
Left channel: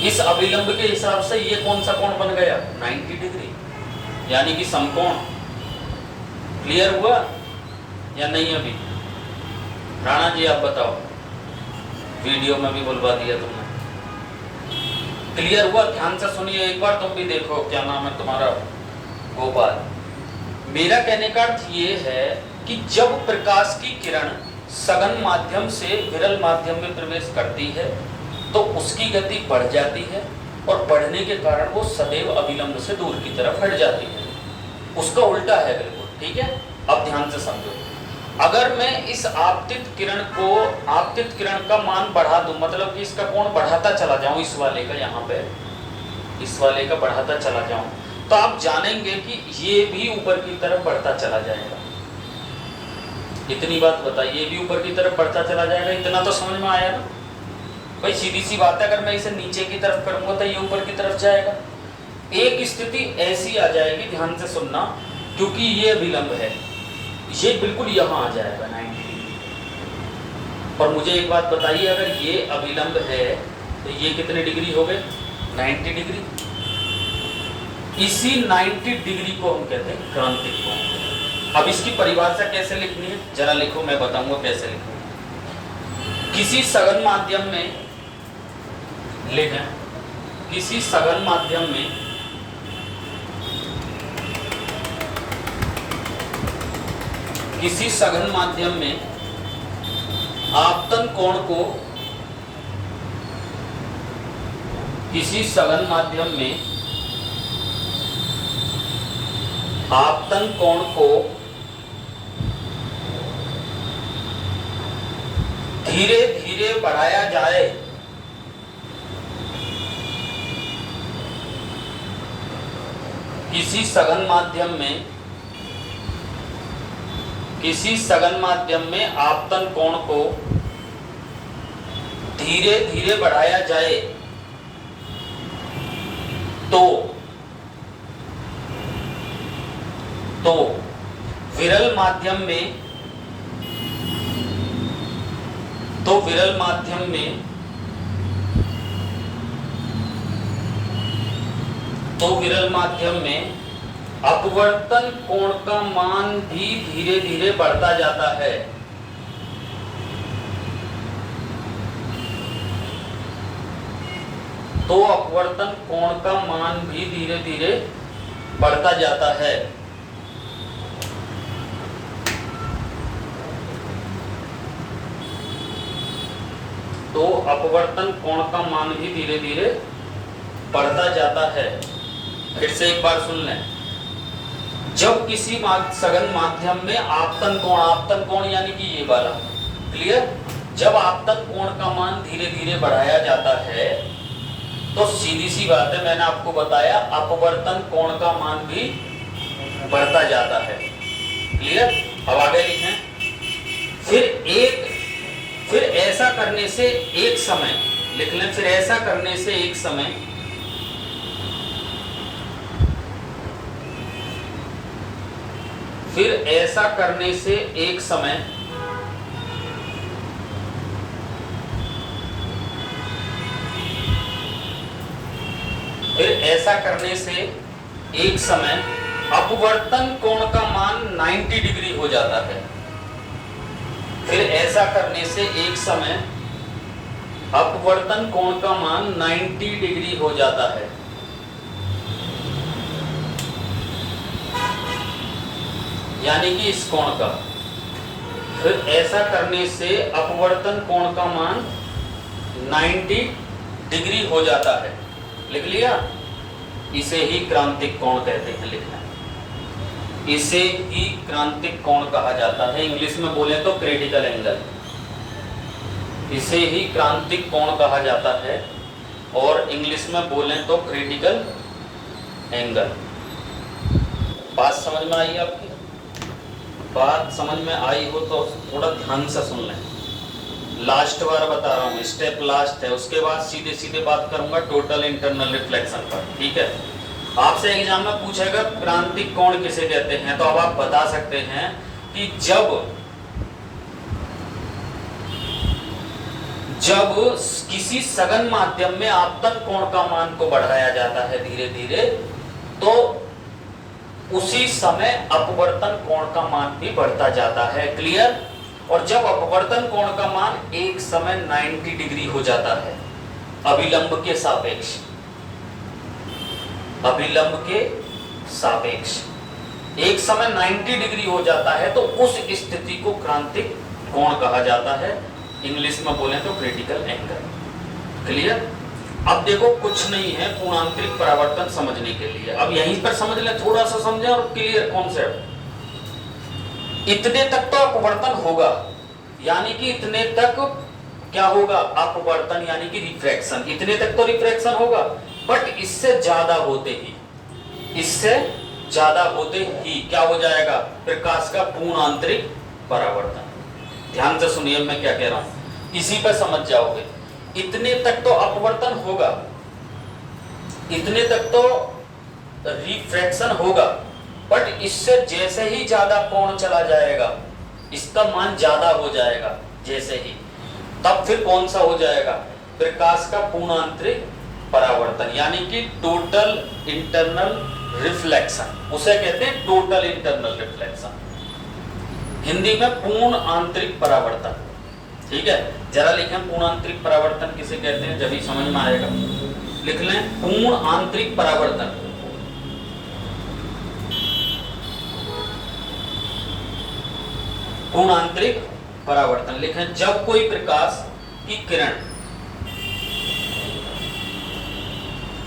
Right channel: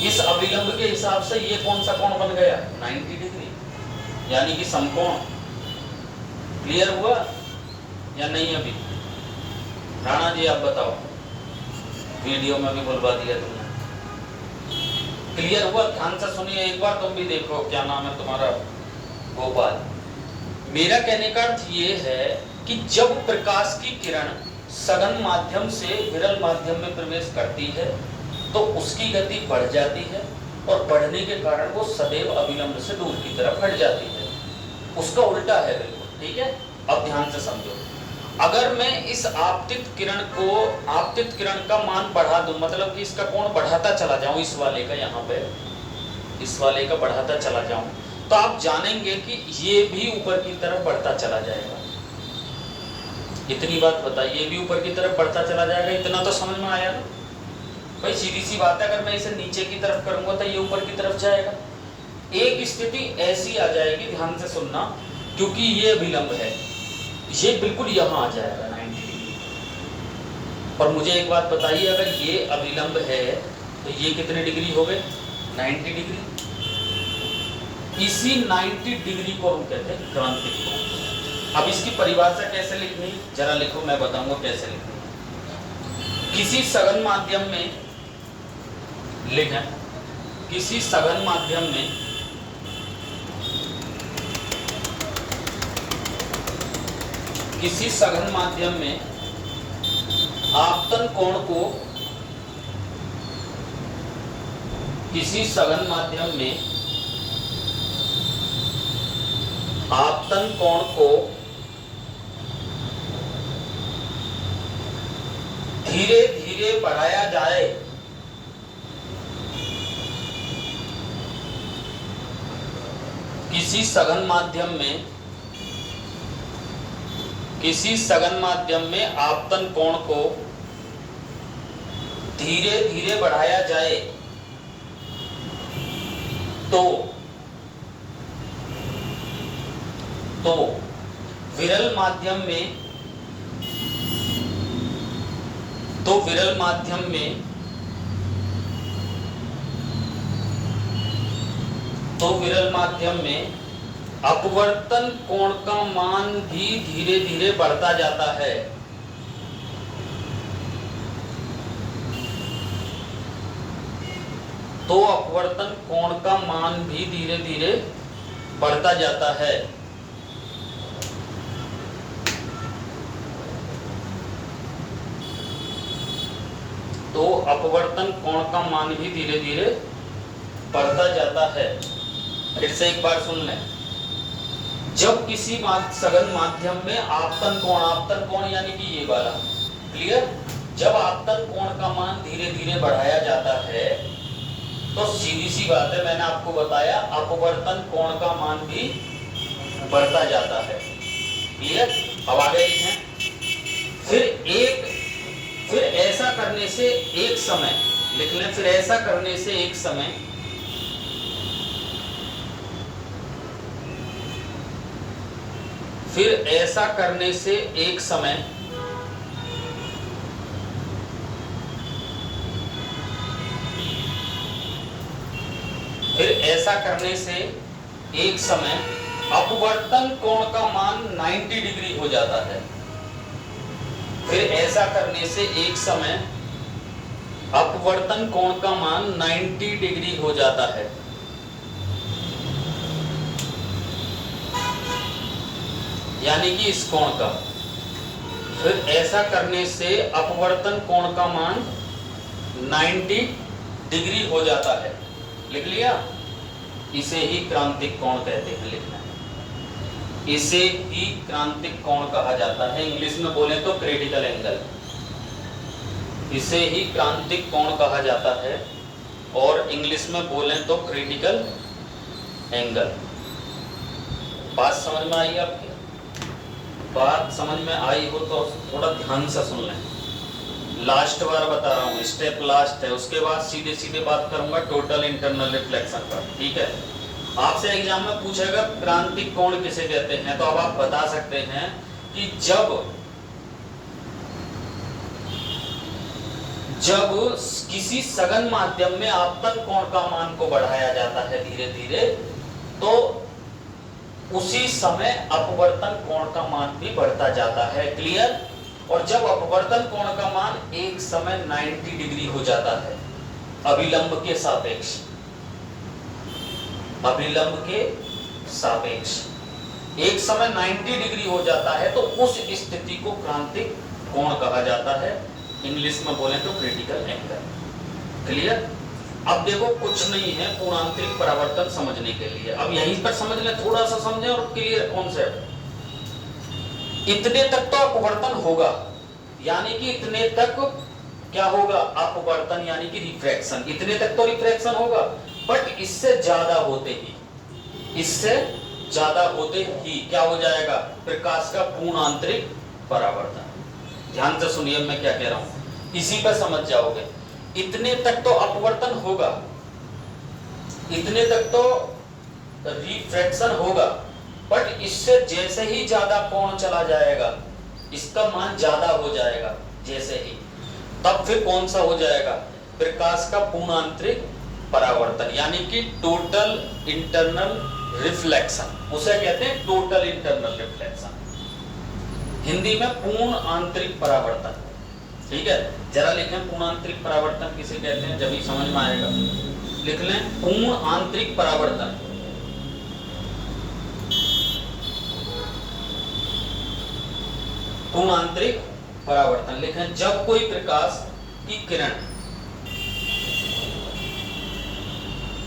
इस अभिलंब के हिसाब से ये कौन सा कोण बन गया? 90 डिग्री, यानी कि समकोण। क्लियर हुआ या नहीं? अभी राणा जी आप बताओ, वीडियो में भी बुलवा दिया तुमने। क्लियर हुआ? ध्यान से सुनिए एक बार, तुम भी देखो। क्या नाम है तुम्हारा? गोपाल। मेरा कहने का अर्थ ये है कि जब प्रकाश की किरण सघन माध्यम से विरल माध्यम में प्रवेश करती है तो उसकी गति बढ़ जाती है, और बढ़ने के कारण वो सदैव अभिलंब से दूर की तरफ हट जाती है। उसका उल्टा है बिल्कुल, ठीक है। अब ध्यान से समझो, अगर मैं इस आपतित किरण का मान बढ़ा दूं, मतलब कि इसका कोण बढ़ाता चला जाऊं, इस वाले का, यहाँ पे इस वाले का बढ़ाता चला जाऊं, तो आप जानेंगे कि ये भी ऊपर की तरफ बढ़ता चला जाएगा। इतनी बात बताइए, ये भी ऊपर की तरफ बढ़ता चला जाएगा। इतना तो समझ में आया ना भाई? सीधी सी बात है, अगर मैं इसे नीचे की तरफ करूंगा तो ये ऊपर की तरफ जाएगा। एक स्थिति ऐसी आ जाएगी, ध्यान से सुनना, क्योंकि ये अभिलंब है, ये बिल्कुल यहां आ जाएगा 90 डिग्री। और मुझे एक बात बताइए, अगर ये अभिलंब है तो ये कितने डिग्री हो गए? 90 डिग्री। इसी 90 डिग्री को हम कहते हैं क्रांतिक कोण। अब इसकी परिभाषा कैसे लिखनी है जरा लिखो, मैं बताऊंगा कैसे लिखनी है। किसी सघन माध्यम में लिखें, किसी सघन माध्यम में आपतन कोण को, किसी सघन माध्यम में आपतन कोण को धीरे धीरे बढ़ाया जाए, किसी सघन माध्यम में आपतन कोण को धीरे धीरे बढ़ाया जाए तो विरल माध्यम में अपवर्तन कोण का मान भी धीरे धीरे बढ़ता जाता है। तो अपवर्तन कोण का मान भी धीरे धीरे बढ़ता जाता है। तो अपवर्तन कोण का मान भी धीरे धीरे बढ़ता जाता है। फिर से एक बार सुन लें, जब किसी सघन माध्यम में आपतन कोण यानी कि ये वाला, क्लियर, जब आपतन कोण का मान धीरे धीरे बढ़ाया जाता है तो सीधी सी बात है, मैंने आपको बताया अपवर्तन कोण का मान भी बढ़ता जाता है। क्लियर? अब आगे लिखें, फिर ऐसा करने से एक समय, लिख लें, फिर ऐसा करने से एक समय फिर ऐसा करने से एक समय अपवर्तन कोण का मान 90 डिग्री हो जाता है। फिर ऐसा करने से एक समय अपवर्तन कोण का मान 90 डिग्री हो जाता है। यानी कि इस कोण का, फिर ऐसा करने से अपवर्तन कोण का मान 90 डिग्री हो जाता है। लिख लिया? इसे ही क्रांतिक कोण कहते हैं। लिखना इसे ही क्रांतिक कोण कहा जाता है। इंग्लिश में बोले तो क्रिटिकल एंगल, इसे ही क्रांतिक कोण कहा जाता है और इंग्लिश में बोले तो क्रिटिकल एंगल। बात समझ में आई आपकी? बात समझ में आई हो तो थोड़ा ध्यान से सुन लें। लास्ट बार बता रहा हूँ, स्टेप लास्ट है, उसके बाद सीधे सीधे बात करूंगा टोटल इंटरनल रिफ्लेक्शन पर, ठीक है। आपसे एग्जाम में पूछेगा क्रांतिक कोण किसे कहते हैं, तो अब आप बता सकते हैं कि जब किसी सघन माध्यम में आपतन कोण का मान को बढ़ाया जाता है धीरे धीरे, तो उसी समय अपवर्तन कोण का मान भी बढ़ता जाता है। क्लियर? और जब अपवर्तन कोण का मान एक समय 90 डिग्री हो जाता है अभिलंब के सापेक्ष, अभिलंब के सापेक्ष एक समय 90 डिग्री हो जाता है, तो उस स्थिति को क्रांतिक कोण कहा जाता है। इंग्लिश में बोले तो क्रिटिकल एंगल। क्लियर? अब देखो कुछ नहीं है पूर्णांतरिक परावर्तन समझने के लिए, अब यहीं पर समझ लें, थोड़ा सा समझें और क्लियर कॉन्सेप्ट। इतने तक तो अपवर्तन होगा, यानी कि इतने तक क्या होगा? अपवर्तन यानी कि रिफ्रैक्शन, इतने तक तो रिफ्रैक्शन होगा, बट इससे ज्यादा होते ही, इससे ज्यादा होते ही क्या हो जाएगा? प्रकाश का पूर्णांतरिक परावर्तन। ध्यान से सुनिए मैं क्या कह रहा हूं, इसी पर समझ जाओगे। इतने तक तो अपवर्तन होगा, इतने तक तो रिफ्रैक्शन होगा, बट इससे जैसे ही ज्यादा कोण चला जाएगा, इसका मान ज्यादा हो जाएगा जैसे ही, तब फिर कौन सा हो जाएगा? प्रकाश का पूर्णांतरिक परावर्तन, यानी कि टोटल इंटरनल रिफ्लेक्शन, उसे कहते हैं टोटल इंटरनल रिफ्लेक्शन, हिंदी में पूर्ण आंतरिक परावर्तन। ठीक है, जरा लिखें पूर्ण आंतरिक परावर्तन किसे कहते हैं, जब ही समझ में आएगा। लिख लें पूर्ण आंतरिक परावर्तन। पूर्ण आंतरिक परावर्तन लिखें, जब कोई प्रकाश की किरण,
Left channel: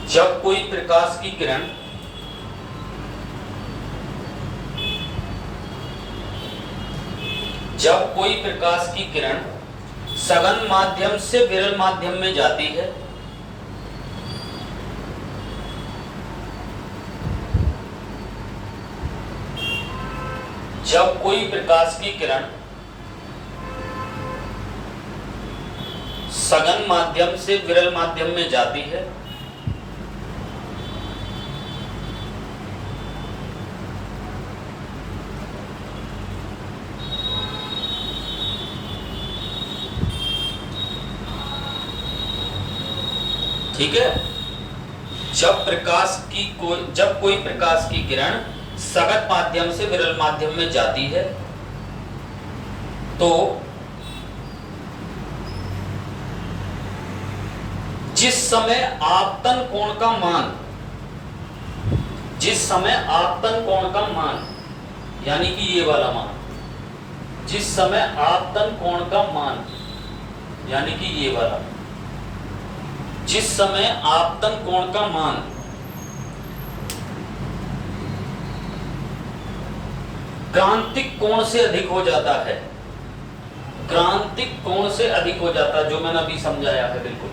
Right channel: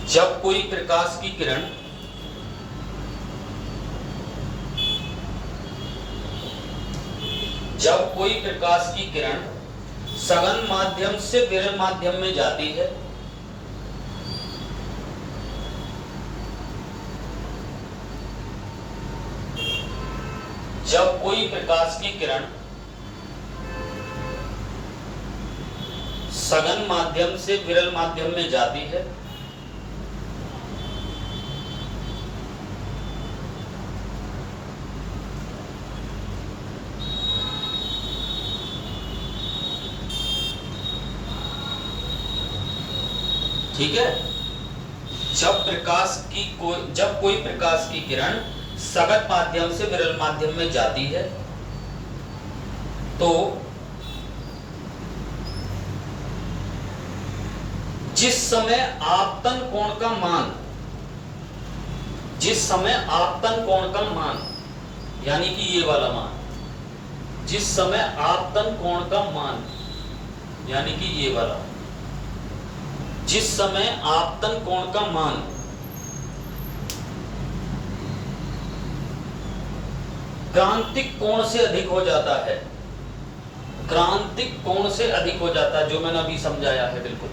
जब कोई प्रकाश की किरण जब कोई प्रकाश की किरण सघन माध्यम से विरल माध्यम में जाती है, जब कोई प्रकाश की किरण सघन माध्यम से विरल माध्यम में जाती है, ठीक है, जब कोई प्रकाश की किरण सघन माध्यम से विरल माध्यम में जाती है, तो जिस समय आपतन कोण का मान, जिस समय आपतन कोण का मान यानी कि ये वाला मान, जिस समय आपतन कोण का मान यानी कि ये वाला, जिस समय आपतन कोण का मान क्रांतिक कोण से अधिक हो जाता है, क्रांतिक कोण से अधिक हो जाता है, जो मैंने अभी समझाया है बिल्कुल,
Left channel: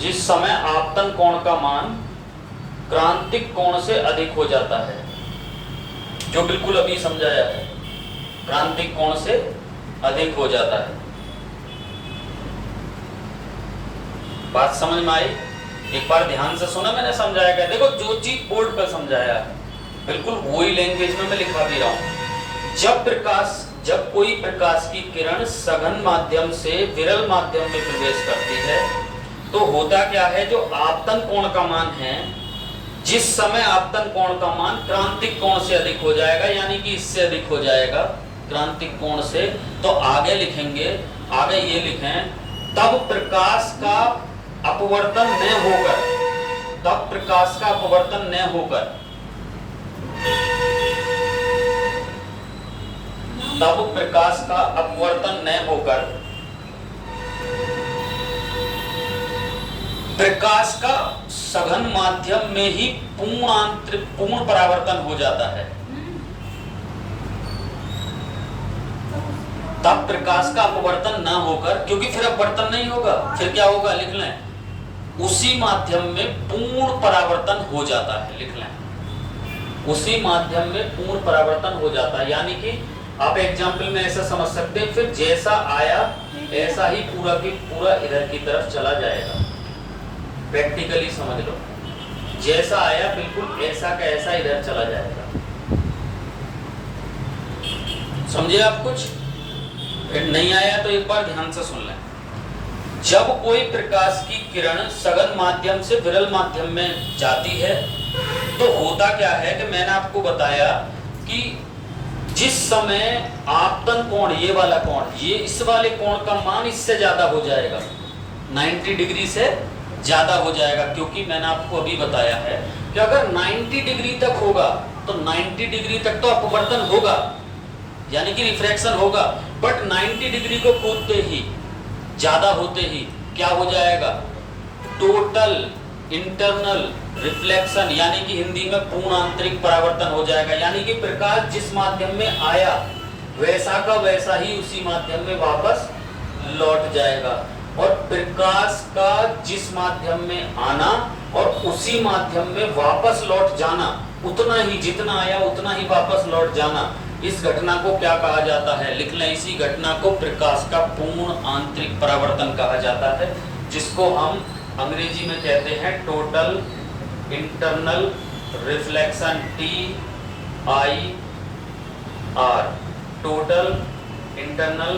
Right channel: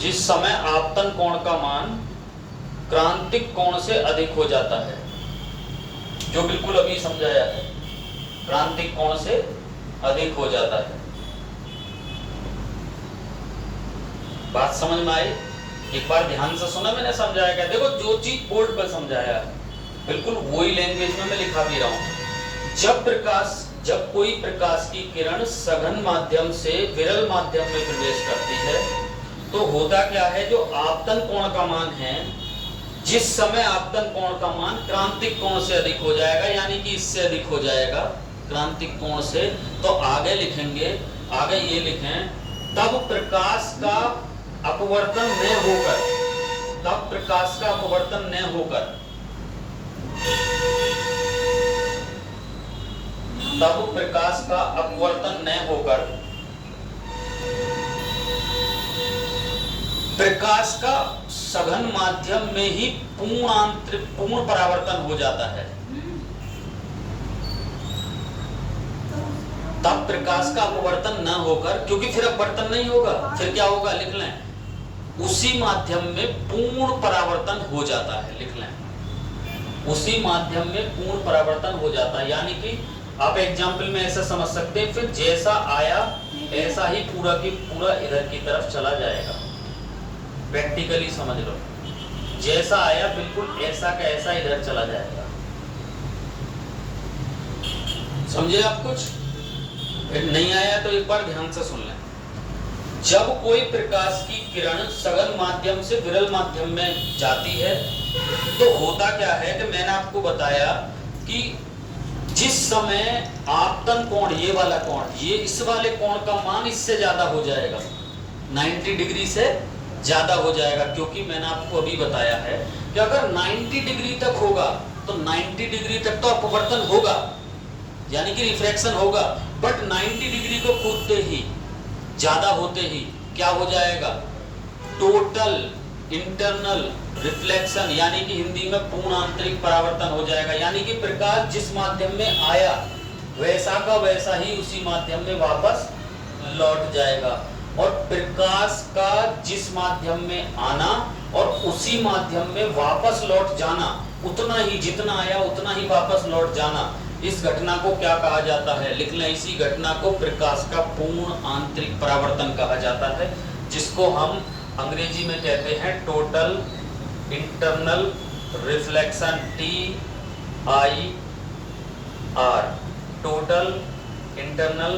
जिस समय आपतन कोण का मान क्रांतिक कोण से अधिक हो जाता है, जो बिल्कुल अभी समझाया है, क्रांतिक कोण से अधिक हो जाता है। बात समझ में आई? एक बार ध्यान से सुना, मैंने समझाया क्या? देखो जो चीज बोर्ड पर समझाया है बिल्कुल वही लैंग्वेज में मैं लिखा भी रहा हूं। जब कोई प्रकाश की किरण सघन माध्यम से विरल माध्यम में प्रवेश करती है, तो होता क्या है, जो आपतन कोण का मान है, जिस समय आपतन कोण का मान क्रांतिक कोण से अधिक हो जाएगा, यानी कि इससे अधिक हो जाएगा क्रांतिक कोण से, तो आगे लिखेंगे, आगे ये लिखें, तब प्रकाश का अपवर्तन न होकर, तब प्रकाश का अपवर्तन न होकर, तब प्रकाश का अपवर्तन न होकर प्रकाश का सघन माध्यम में ही पूर्ण परावर्तन हो जाता है, तब प्रकाश का अपवर्तन ना होकर, क्योंकि फिर अपवर्तन नहीं होगा, फिर क्या होगा, लिख लें, उसी माध्यम में पूर्ण परावर्तन हो जाता है, लिख लें, उसी माध्यम में पूर्ण परावर्तन हो जाता है। यानी कि आप एग्जाम्पल में ऐसा समझ सकते हैं, फिर जैसा आया ऐसा ही पूरा की पूरा इधर की तरफ चला जाएगा। प्रैक्टिकली समझ लो, जैसा आया बिल्कुल ऐसा का ऐसा इधर चला जाएगा। समझे आप कुछ? नहीं आया तो एक बार ध्यान से सुन लें। जब कोई प्रकाश की किरण सघन माध्यम से विरल माध्यम में जाती है तो होता क्या है कि मैंने आपको बताया कि जिस समय आपतन कोण, ये वाला कोण, ये इस वाले कोण का मान इससे ज्यादा हो जाएगा, 90 डिग्री से ज्यादा हो जाएगा, क्योंकि मैंने आपको अभी बताया है कि अगर 90 डिग्री तक होगा तो 90 डिग्री तक तो अपवर्तन होगा, यानी कि रिफ्रैक्शन होगा, बट 90 डिग्री को कूदते ही, ज्यादा होते ही क्या हो जाएगा, टोटल इंटरनल रिफ्लेक्शन, यानी कि हिंदी में पूर्ण आंतरिक परावर्तन हो जाएगा। यानी कि प्रकाश जिस माध्यम में आया वैसा का वैसा ही उसी माध्यम में वापस लौट जाएगा, और प्रकाश का जिस माध्यम में आना और उसी माध्यम में वापस लौट जाना, उतना ही, जितना आया उतना ही वापस लौट जाना, इस घटना को क्या कहा जाता है, लिख लें, इसी घटना को प्रकाश का पूर्ण आंतरिक परावर्तन कहा जाता है, जिसको हम अंग्रेजी में कहते हैं total internal reflection, TIR, total internal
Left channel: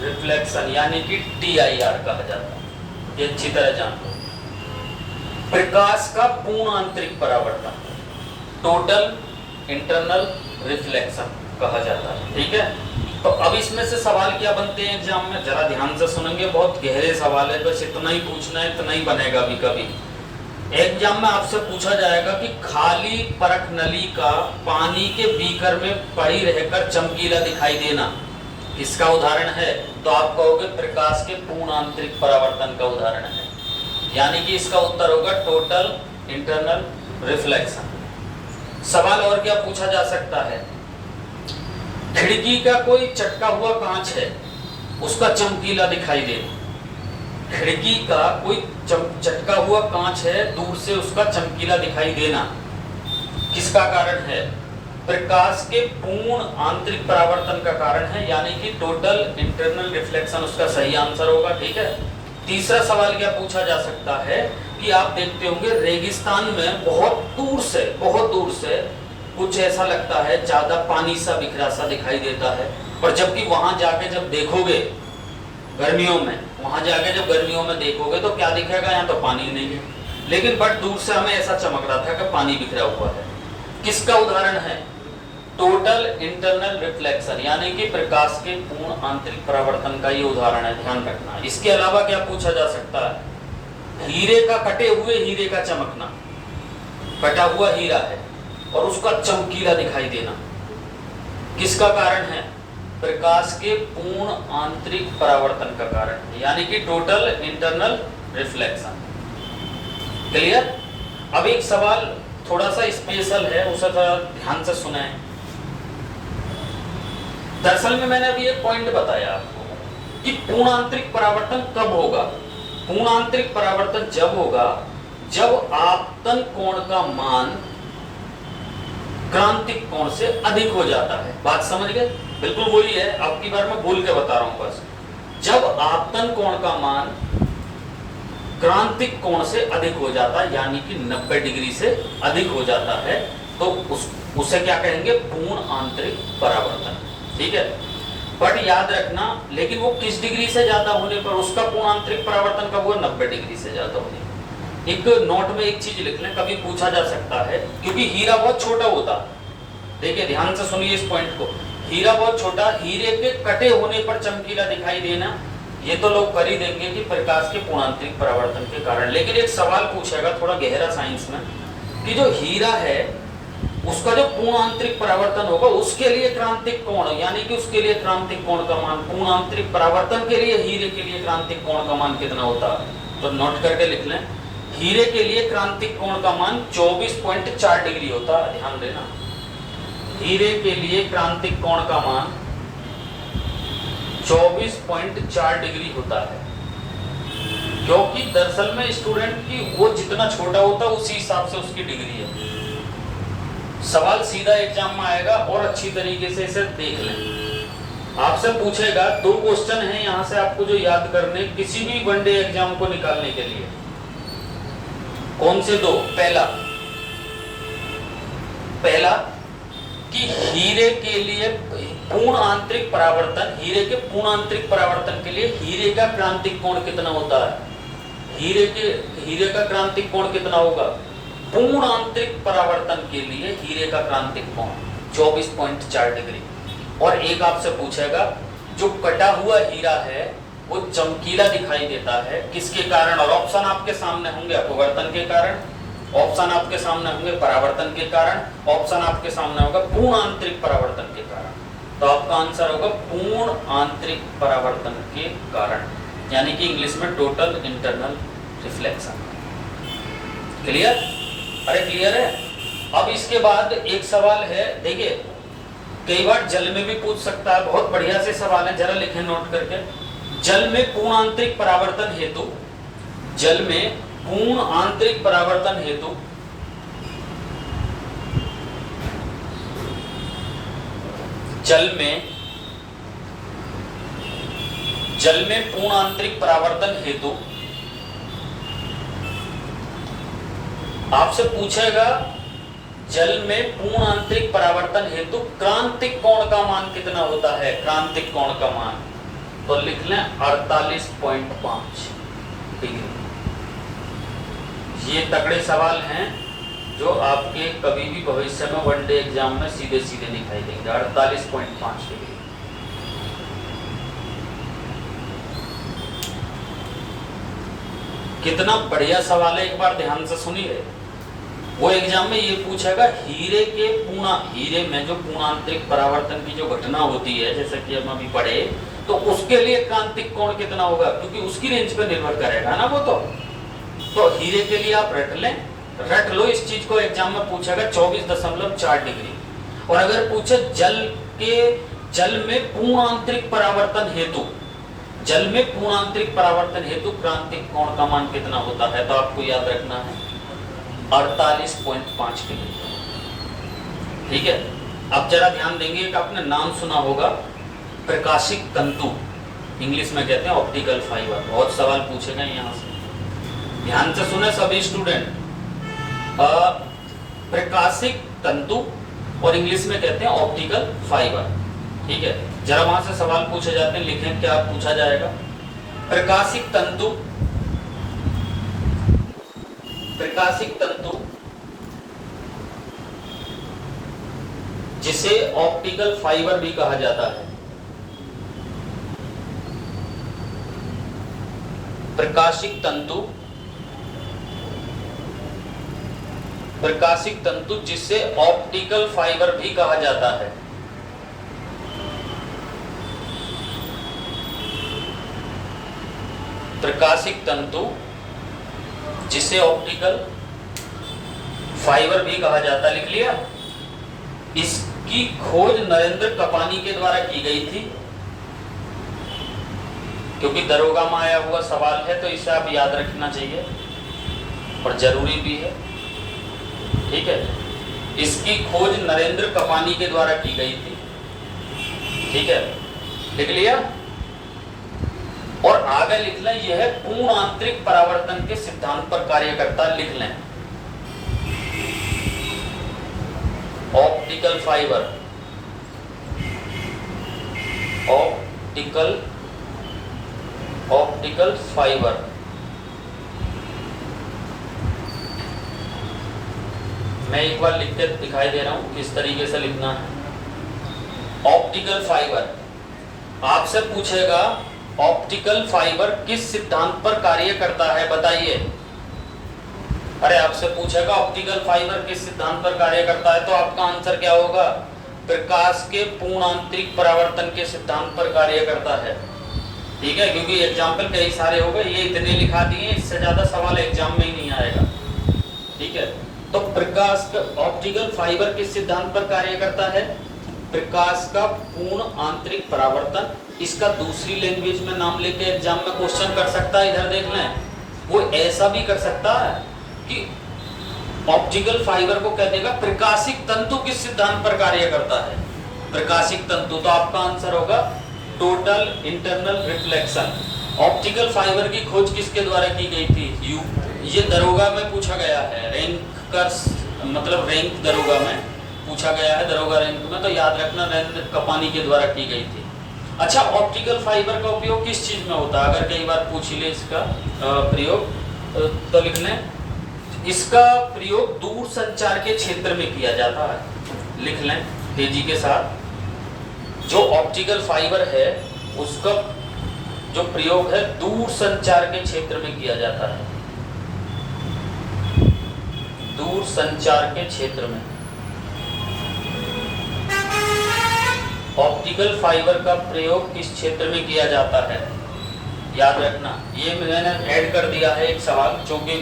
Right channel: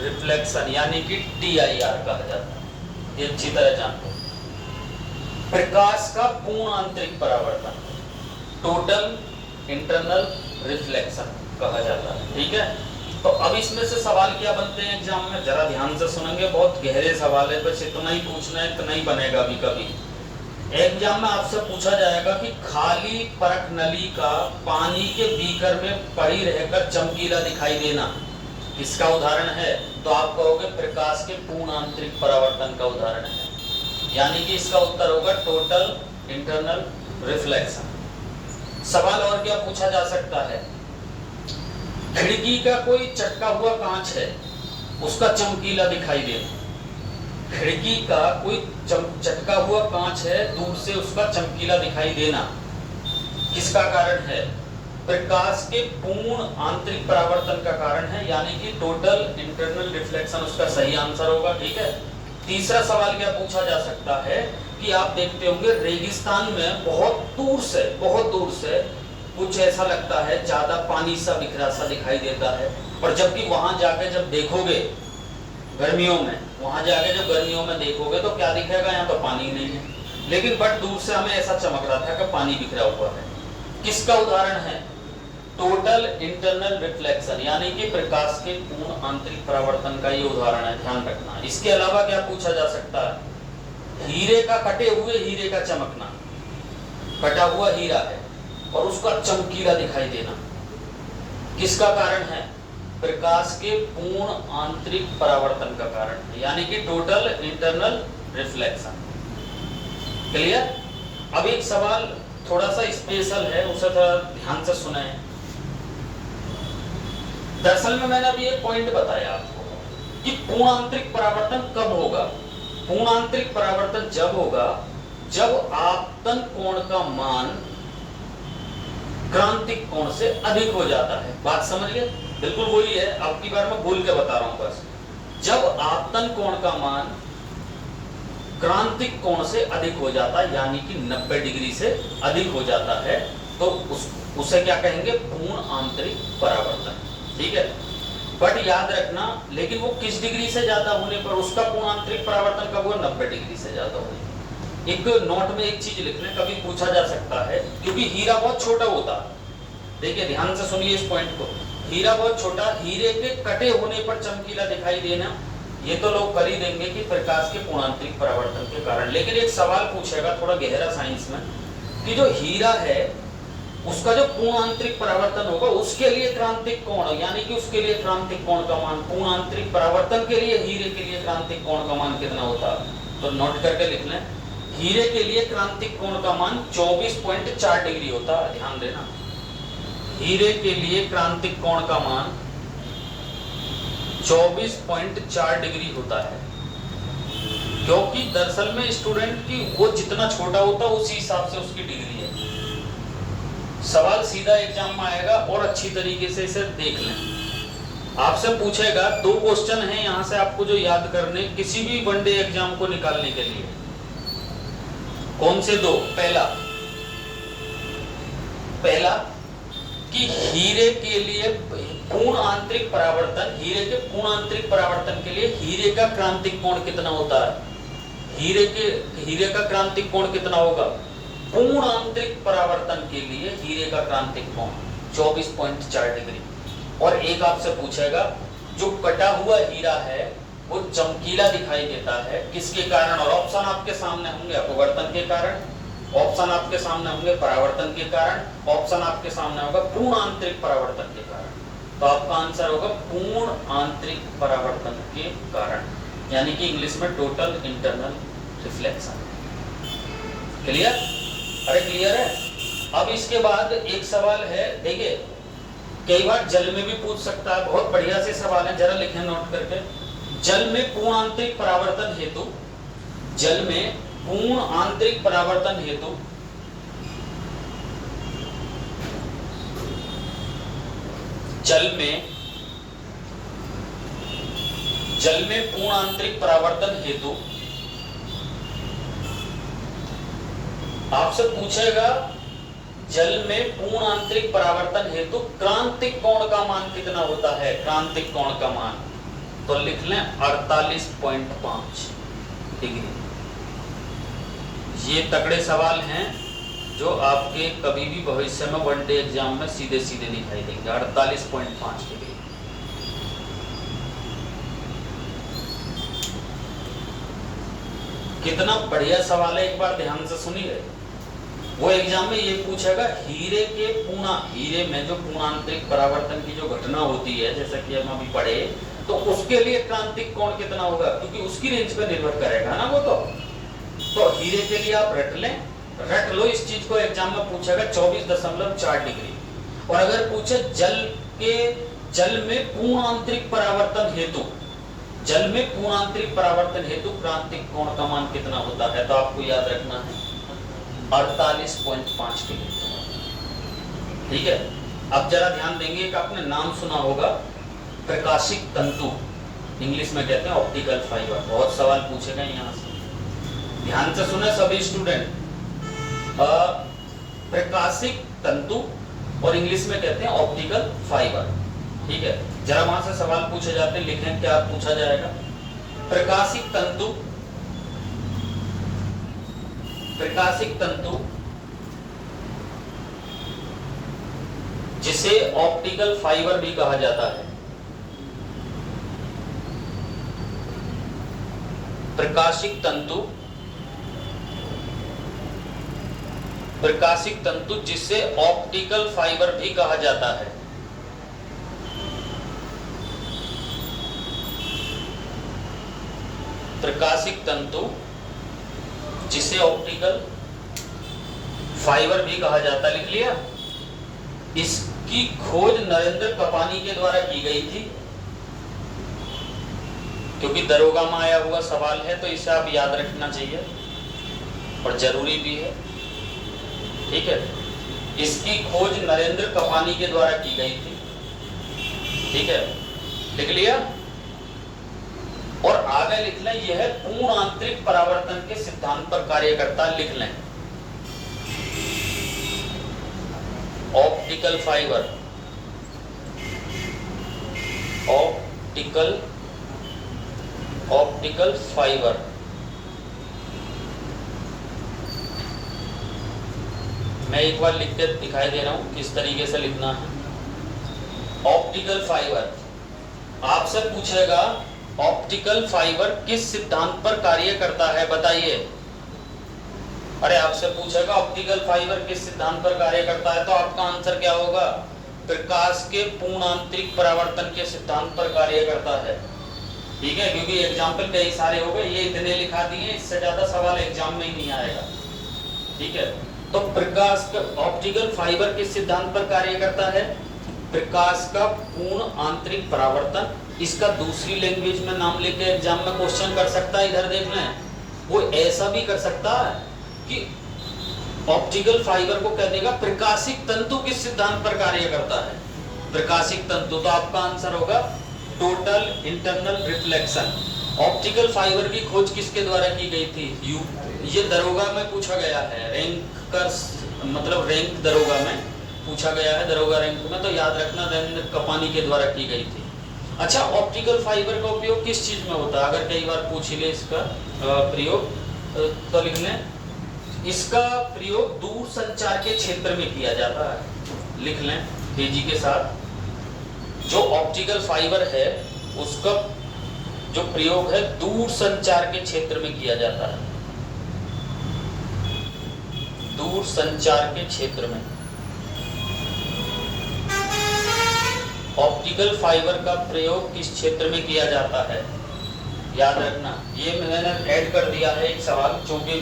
reflection, यानी कि TIR कहा जाता है। ये अच्छी तरह जान लो, प्रकाश का पूर्ण आंतरिक परावर्तन टोटल इंटरनल रिफ्लेक्शन कहा जाता है। ठीक है, तो अब इसमें से सवाल क्या बनते हैं एग्जाम में, जरा ध्यान से सुनेंगे, बहुत गहरे सवाल है, बस इतना ही पूछना है, इतना ही बनेगा। अभी कभी एग्जाम में आपसे पूछा जाएगा कि खाली परख नली का पानी के बीकर में पड़ी रहकर चमकीला दिखाई देना किसका उदाहरण है, तो आप कहोगे प्रकाश के पूर्ण आंतरिक परावर्तन का उदाहरण है, यानी कि इसका उत्तर होगा टोटल इंटरनल रिफ्लेक्शन। सवाल और क्या पूछा जा सकता है, खिड़की का कोई चटका हुआ कांच है, उसका चमकीला दिखाई देना, खिड़की का कोई चटका हुआ कांच है, दूर से उसका चमकीला दिखाई देना, किसका कारण है, प्रकाश के पूर्ण आंतरिक परावर्तन का कारण है, यानी कि टोटल इंटरनल रिफ्लेक्शन उसका सही आंसर होगा। ठीक है, तीसरा सवाल क्या पूछा जा सकता है कि आप देखते होंगे रेगिस्तान में बहुत दूर से कुछ ऐसा लगता है, ज्यादा पानी सा बिखरा सा दिखाई देता है, पर जबकि वहां जाके जब देखोगे गर्मियों में, वहां जाके जब गर्मियों में देखोगे तो क्या दिखेगा, यहाँ तो पानी नहीं है, लेकिन बट दूर से हमें ऐसा चमक रहा था कि पानी बिखरा हुआ है। किसका उदाहरण है, टोटल इंटरनल रिफ्लेक्शन, यानी कि प्रकाश के पूर्ण आंतरिक परावर्तन का ये उदाहरण है, ध्यान रखना। इसके अलावा क्या पूछा जा सकता है, हीरे का, कटे हुए हीरे का चमकना, कटा हुआ हीरा है और उसका चमकीला दिखाई देना, किसका कारण है, प्रकाश के पूर्ण आंतरिक परावर्तन का कारण, यानी कि टोटल इंटरनल रिफ्लेक्शन। क्लियर? अब एक सवाल थोड़ा सा स्पेशल है, उसे थोड़ा ध्यान से सुने। दरअसल में मैंने अभी एक पॉइंट बताया आपको कि पूर्ण आंतरिक परावर्तन कब होगा। पूर्ण आंतरिक परावर्तन जब होगा जब आपतन कोण का मान क्रांतिक कोण से अधिक हो जाता है। बात समझ गए? बिल्कुल वही है, अब की बार मैं बोल के बता रहा हूं बस। जब आपतन कोण का मान क्रांतिक कोण से अधिक हो जाता है, यानी कि 90 डिग्री से अधिक हो जाता है, तो उसे क्या कहेंगे, पूर्ण आंतरिक परावर्तन। ठीक है, बट याद रखना, लेकिन वो किस डिग्री से ज्यादा होने पर उसका पूर्ण आंतरिक परावर्तन कब हुआ, 90 डिग्री से ज्यादा होने। एक नोट में एक चीज लिख लें, कभी पूछा जा सकता है, क्योंकि हीरा बहुत छोटा होता, देखिए ध्यान से सुनिए इस पॉइंट को, हीरा बहुत छोटा, हीरे के कटे होने पर चमकीला दिखाई देना, ये तो लोग कर ही देंगे कि प्रकाश के पूर्ण आंतरिक परावर्तन के कारण। लेकिन एक सवाल पूछेगा थोड़ा गहरा साइंस में, कि जो हीरा है उसका जो पूर्ण आंतरिक परावर्तन होगा उसके लिए क्रांतिक कोण, यानी कि उसके लिए क्रांतिक कोण का मान, पूर्ण आंतरिक परावर्तन के लिए हीरे के लिए क्रांतिक कोण का मान कितना होता है, तो नोट करके लिख लें हीरे के लिए क्रांतिक कोण का मान 24.4 डिग्री होता है, ध्यान देना। हीरे के लिए क्रांतिक कोण का मान 24.4 डिग्री होता है, क्योंकि दरअसल में स्टूडेंट की वो जितना छोटा होता है उसी हिसाब से उसकी डिग्री है। सवाल सीधा एग्जाम में आएगा और अच्छी तरीके से इसे देख लें। आपसे पूछेगा, 2 क्वेश्चन हैं यहां से आपको जो याद करने किसी भी वनडे एग्जाम को निकालने के लिए। कौन से 2? पहला कि हीरे के लिए पूर्ण आंतरिक परावर्तन, हीरे के पूर्ण आंतरिक परावर्तन के लिए हीरे का क्रांतिक कोण कितना होता है? हीरे का क्रांतिक कोण कितना होगा? पूर्ण आंतरिक परावर्तन के लिए हीरे का क्रांतिक कोण 24.4 डिग्री। और एक आपसे पूछेगा, जो कटा हुआ हीरा है वो चमकीला दिखाई देता है किसके कारण? और ऑप्शन आपके सामने होंगे, अपवर्तन के कारण, ऑप्शन आपके सामने होंगे परावर्तन के कारण, ऑप्शन आपके सामने होगा पूर्ण आंतरिक परावर्तन के कारण। तो आपका आंसर होगा पूर्ण आंतरिक परावर्तन के कारण, यानी कि इंग्लिश में टोटल इंटरनल रिफ्लेक्शन। क्लियर? अरे क्लियर है? अब इसके बाद एक सवाल है, देखिए कई बार जल में भी पूछ सकता है, बहुत बढ़िया से सवाल है, जरा लिखें नोट करके। जल में पूर्ण आंतरिक परावर्तन हेतु, जल में पूर्ण आंतरिक परावर्तन हेतु जल में पूर्ण आंतरिक परावर्तन हेतु आपसे पूछेगा, जल में पूर्ण आंतरिक परावर्तन हेतु क्रांतिक कोण का मान कितना होता है? क्रांतिक कोण का मान तो लिख लें 48.5 डिग्री। ये तगड़े सवाल हैं जो आपके कभी भी भविष्य में वनडे एग्जाम में सीधे सीधे दिखाई देंगे। 48.5 डिग्री। कितना बढ़िया सवाल है, एक बार ध्यान से सुनिए। वो एग्जाम में ये पूछेगा, हीरे में जो पूर्ण आंतरिक परावर्तन की जो घटना होती है, जैसे कि हम अभी पढ़े, तो उसके लिए क्रांतिक कोण कितना होगा, क्योंकि उसकी रेंज पे निर्भर करेगा ना वो। तो हीरे के लिए आप रट लो इस चीज को, एग्जाम में पूछेगा 24.4 डिग्री। और अगर पूछे जल में पूर्ण आंतरिक परावर्तन हेतु क्रांतिक कोण का मान कितना होता है, तो आपको याद रखना है 48.5 डिग्री। ठीक है? अब जरा ध्यान देंगे, एक आपने नाम सुना होगा, प्रकाशिक तंतु, इंग्लिश में कहते हैं ऑप्टिकल फाइबर। बहुत सवाल पूछे गए यहाँ से, ध्यान से सुने सभी स्टूडेंट। प्रकाशिक तंतु और इंग्लिश में कहते हैं ऑप्टिकल फाइबर। ठीक है? जरा वहां से सवाल पूछे जाते हैं, लिखें क्या पूछा जाएगा। प्रकाशिक तंतु जिसे ऑप्टिकल फाइबर भी कहा जाता है। प्रकाशिक तंतु जिसे ऑप्टिकल फाइबर भी कहा जाता है। प्रकाशिक तंतु जिसे ऑप्टिकल फाइबर भी कहा जाता है, लिख लिया। इसकी खोज नरेंद्र कपानी के द्वारा की गई थी। क्योंकि दरोगा में आया हुआ सवाल है तो इसे आप याद रखना चाहिए और जरूरी भी है। ठीक है? इसकी खोज नरेंद्र कपानी के द्वारा की गई थी। ठीक है? लिख लिया। और आगे लिख लें, यह पूर्ण आंतरिक परावर्तन के सिद्धांत पर कार्य करता है, लिख लें। ऑप्टिकल फाइबर, ऑप्टिकल फाइबर मैं एक बार लिख के दिखाई दे रहा हूं किस तरीके से लिखना है। ऑप्टिकल फाइबर आपसे पूछेगा, ऑप्टिकल फाइबर किस सिद्धांत पर कार्य करता है, बताइए। अरे आपसे पूछेगा ऑप्टिकल फाइबर किस सिद्धांत पर कार्य करता है, तो आपका आंसर क्या होगा? प्रकाश के पूर्ण आंतरिक परावर्तन के सिद्धांत पर कार्य करता है। ठीक है, क्योंकि एग्जाम्पल कई सारे हो गए, ये इतने लिखा दिए, इससे ज्यादा सवाल एग्जाम में ही नहीं आएगा। ठीक है, तो प्रकाश का ऑप्टिकल फाइबर किस सिद्धांत पर कार्य करता है? प्रकाश का पूर्ण आंतरिक परावर्तन। इसका दूसरी लैंग्वेज में नाम लेके एग्जाम में क्वेश्चन कर सकता है, इधर देख लें। वो ऐसा भी कर सकता है कि ऑप्टिकल फाइबर को कह देगा प्रकाशिक तंतु किस सिद्धांत पर कार्य करता है? प्रकाशिक तंतु, तो आपका आंसर होगा total internal reflection. Optical fibre की खोज किसके द्वारा की गई थी? ये दरोगा में पूछा गया है, रैंक कर मतलब रैंक दरोगा में पूछा गया है, दरोगा रैंक में, तो याद रखना नरेंद्र कपानी के द्वारा की गई थी। अच्छा, ऑप्टिकल फाइबर का उपयोग किस चीज में होता है? अगर कई बार पूछ ले इसका प्रयोग तो लिख लें, इसका प्रयोग दूर संचार के क्षेत्र में किया जाता है। लिख लें तेजी के साथ, जो ऑप्टिकल फाइबर है उसका जो प्रयोग है दूर संचार के क्षेत्र में किया जाता है। दूर संचार के क्षेत्र में ऑप्टिकल फाइबर का प्रयोग किस क्षेत्र में किया जाता है? याद रखना, ये मैंने ऐड कर दिया है एक सवाल, क्योंकि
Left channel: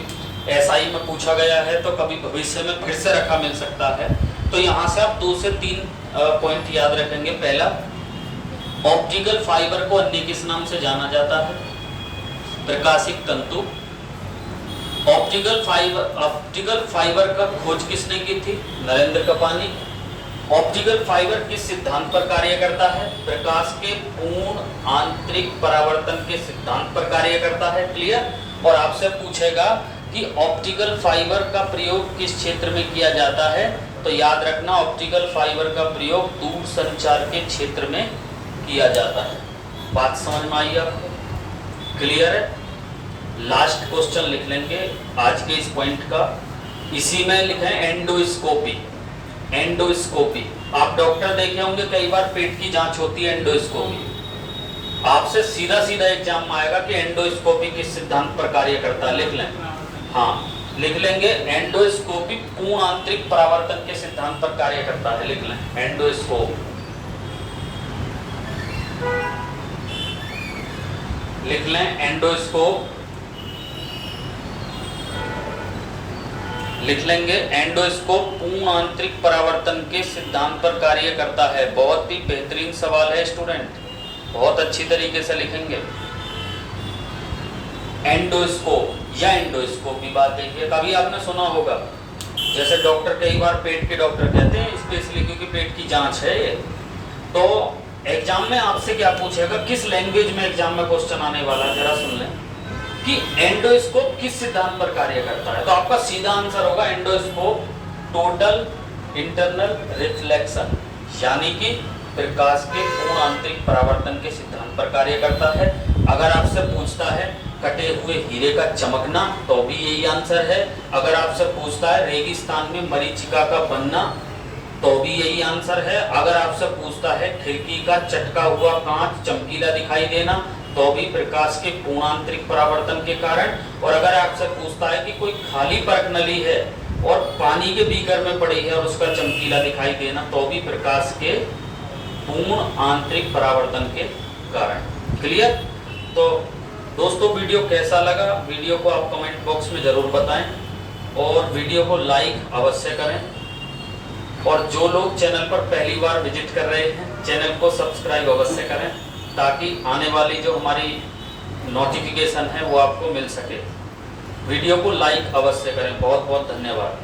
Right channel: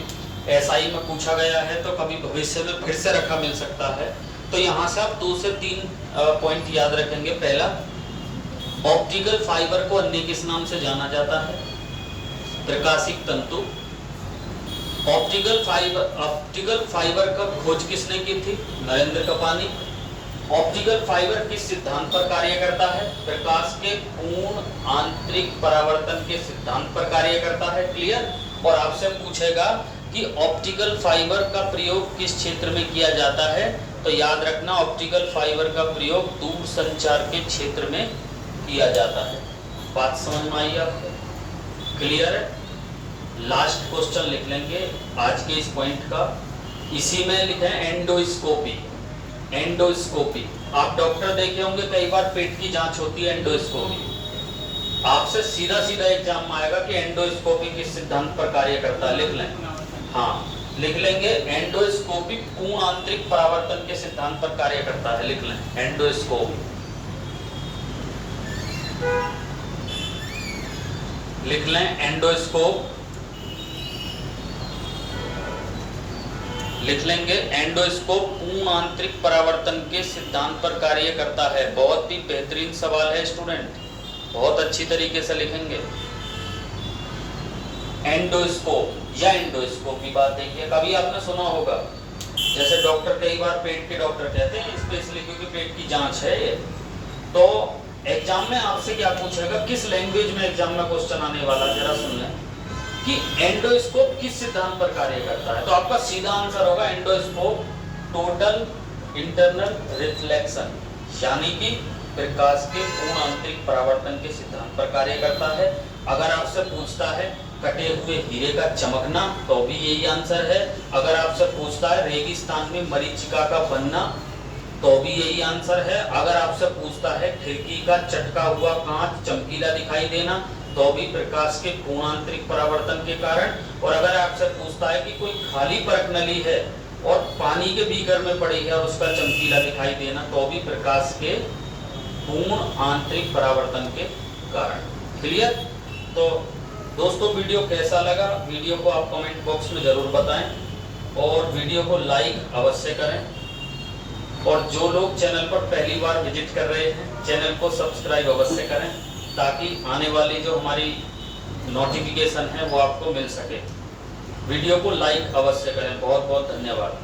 एसआई में पूछा गया है तो कभी भविष्य में फिर से रखा मिल सकता है। तो यहां से आप 2 से 3 पॉइंट याद रखेंगे। पहला, ऑप्टिकल फाइबर को अन्य किस नाम से जाना जाता है? प्रकाशिक तंतु। ऑप्टिकल फाइबर का खोज किसने की थी? नरेंद्र कपानी। ऑप्टिकल फाइबर किस सिद्धांत पर कार्य करता है? प्रकाश के पूर्ण आंतरिक परावर्तन के सिद्धांत पर कार्य करता है। क्लियर? और आपसे पूछेगा कि ऑप्टिकल फाइबर का प्रयोग किस क्षेत्र में किया जाता है, तो याद रखना ऑप्टिकल फाइबर का प्रयोग दूर संचार के क्षेत्र में किया जाता है। बात समझ में आई आपको? क्लियर है? लास्ट क्वेश्चन लिख लेंगे आज के इस पॉइंट का, इसी में लिखे एंडोस्कोपी। एंडोस्कोपी, आप डॉक्टर देखे होंगे, कई बार पेट की जांच होती है एंडोस्कोपी। आपसे सीधा सीधा एग्जाम में आएगा कि एंडोस्कोपी किस सिद्धांत पर कार्य करता है। लिख लें, हाँ लिख लेंगे, एंडोस्कोपी पूर्ण आंतरिक परावर्तन के सिद्धांत पर कार्य करता है। लिख लें, एंडोस्कोप। लिख लें, एंडोस्कोप। लिख लेंगे, एंडोस्कोप पूर्ण आंतरिक परावर्तन के सिद्धांत पर कार्य करता है। बहुत ही बेहतरीन सवाल है स्टूडेंट, बहुत अच्छी तरीके से लिखेंगे। एंडोस्कोप या एंडोस्कोप की बात देखिए, कभी आपने सुना होगा, जैसे डॉक्टर कई बार पेट के डॉक्टर कहते हैं, स्पेशली क्योंकि पेट की जांच है ये, तो एग्जाम में आपसे क्या पूछेगा, किस लैंग्वेज में एग्जाम में क्वेश्चन आने वाला है, जरा सुन लें कि एंडोस्कोप किस सिद्धांत पर कार्य करता है। तो आपका सीधा आंसर होगा एंडोस्कोप टोटल इंटरनल रिफ्लेक्शन, यानी कि प्रकाश के पूर्ण आंतरिक परावर्तन के सिद्धांत पर कार्य करता है। अगर आपसे पूछता है कटे हुए हीरे का चमकना, तो भी यही आंसर है। अगर आपसे पूछता है रेगिस्तान में मरीचिका का बनना, तो भी यही आंसर है। अगर आपसे पूछता है खिड़की का चटका हुआ कांच चमकीला दिखाई देना, तो भी प्रकाश के पूर्ण आंतरिक परावर्तन के कारण। और अगर आपसे पूछता है कि कोई खाली पर्क नली है और पानी के बीकर में पड़ी है और उसका चमकीला दिखाई देना, तो भी प्रकाश के पूर्ण आंतरिक परावर्तन के कारण। क्लियर? तो दोस्तों, वीडियो कैसा लगा, वीडियो को आप कमेंट बॉक्स में जरूर बताएं और वीडियो को लाइक अवश्य करें। और जो लोग चैनल पर पहली बार विजिट कर रहे हैं, चैनल को सब्सक्राइब अवश्य करें, ताकि आने वाली जो हमारी नोटिफिकेशन है वो आपको मिल सके। वीडियो को लाइक अवश्य करें। बहुत बहुत धन्यवाद।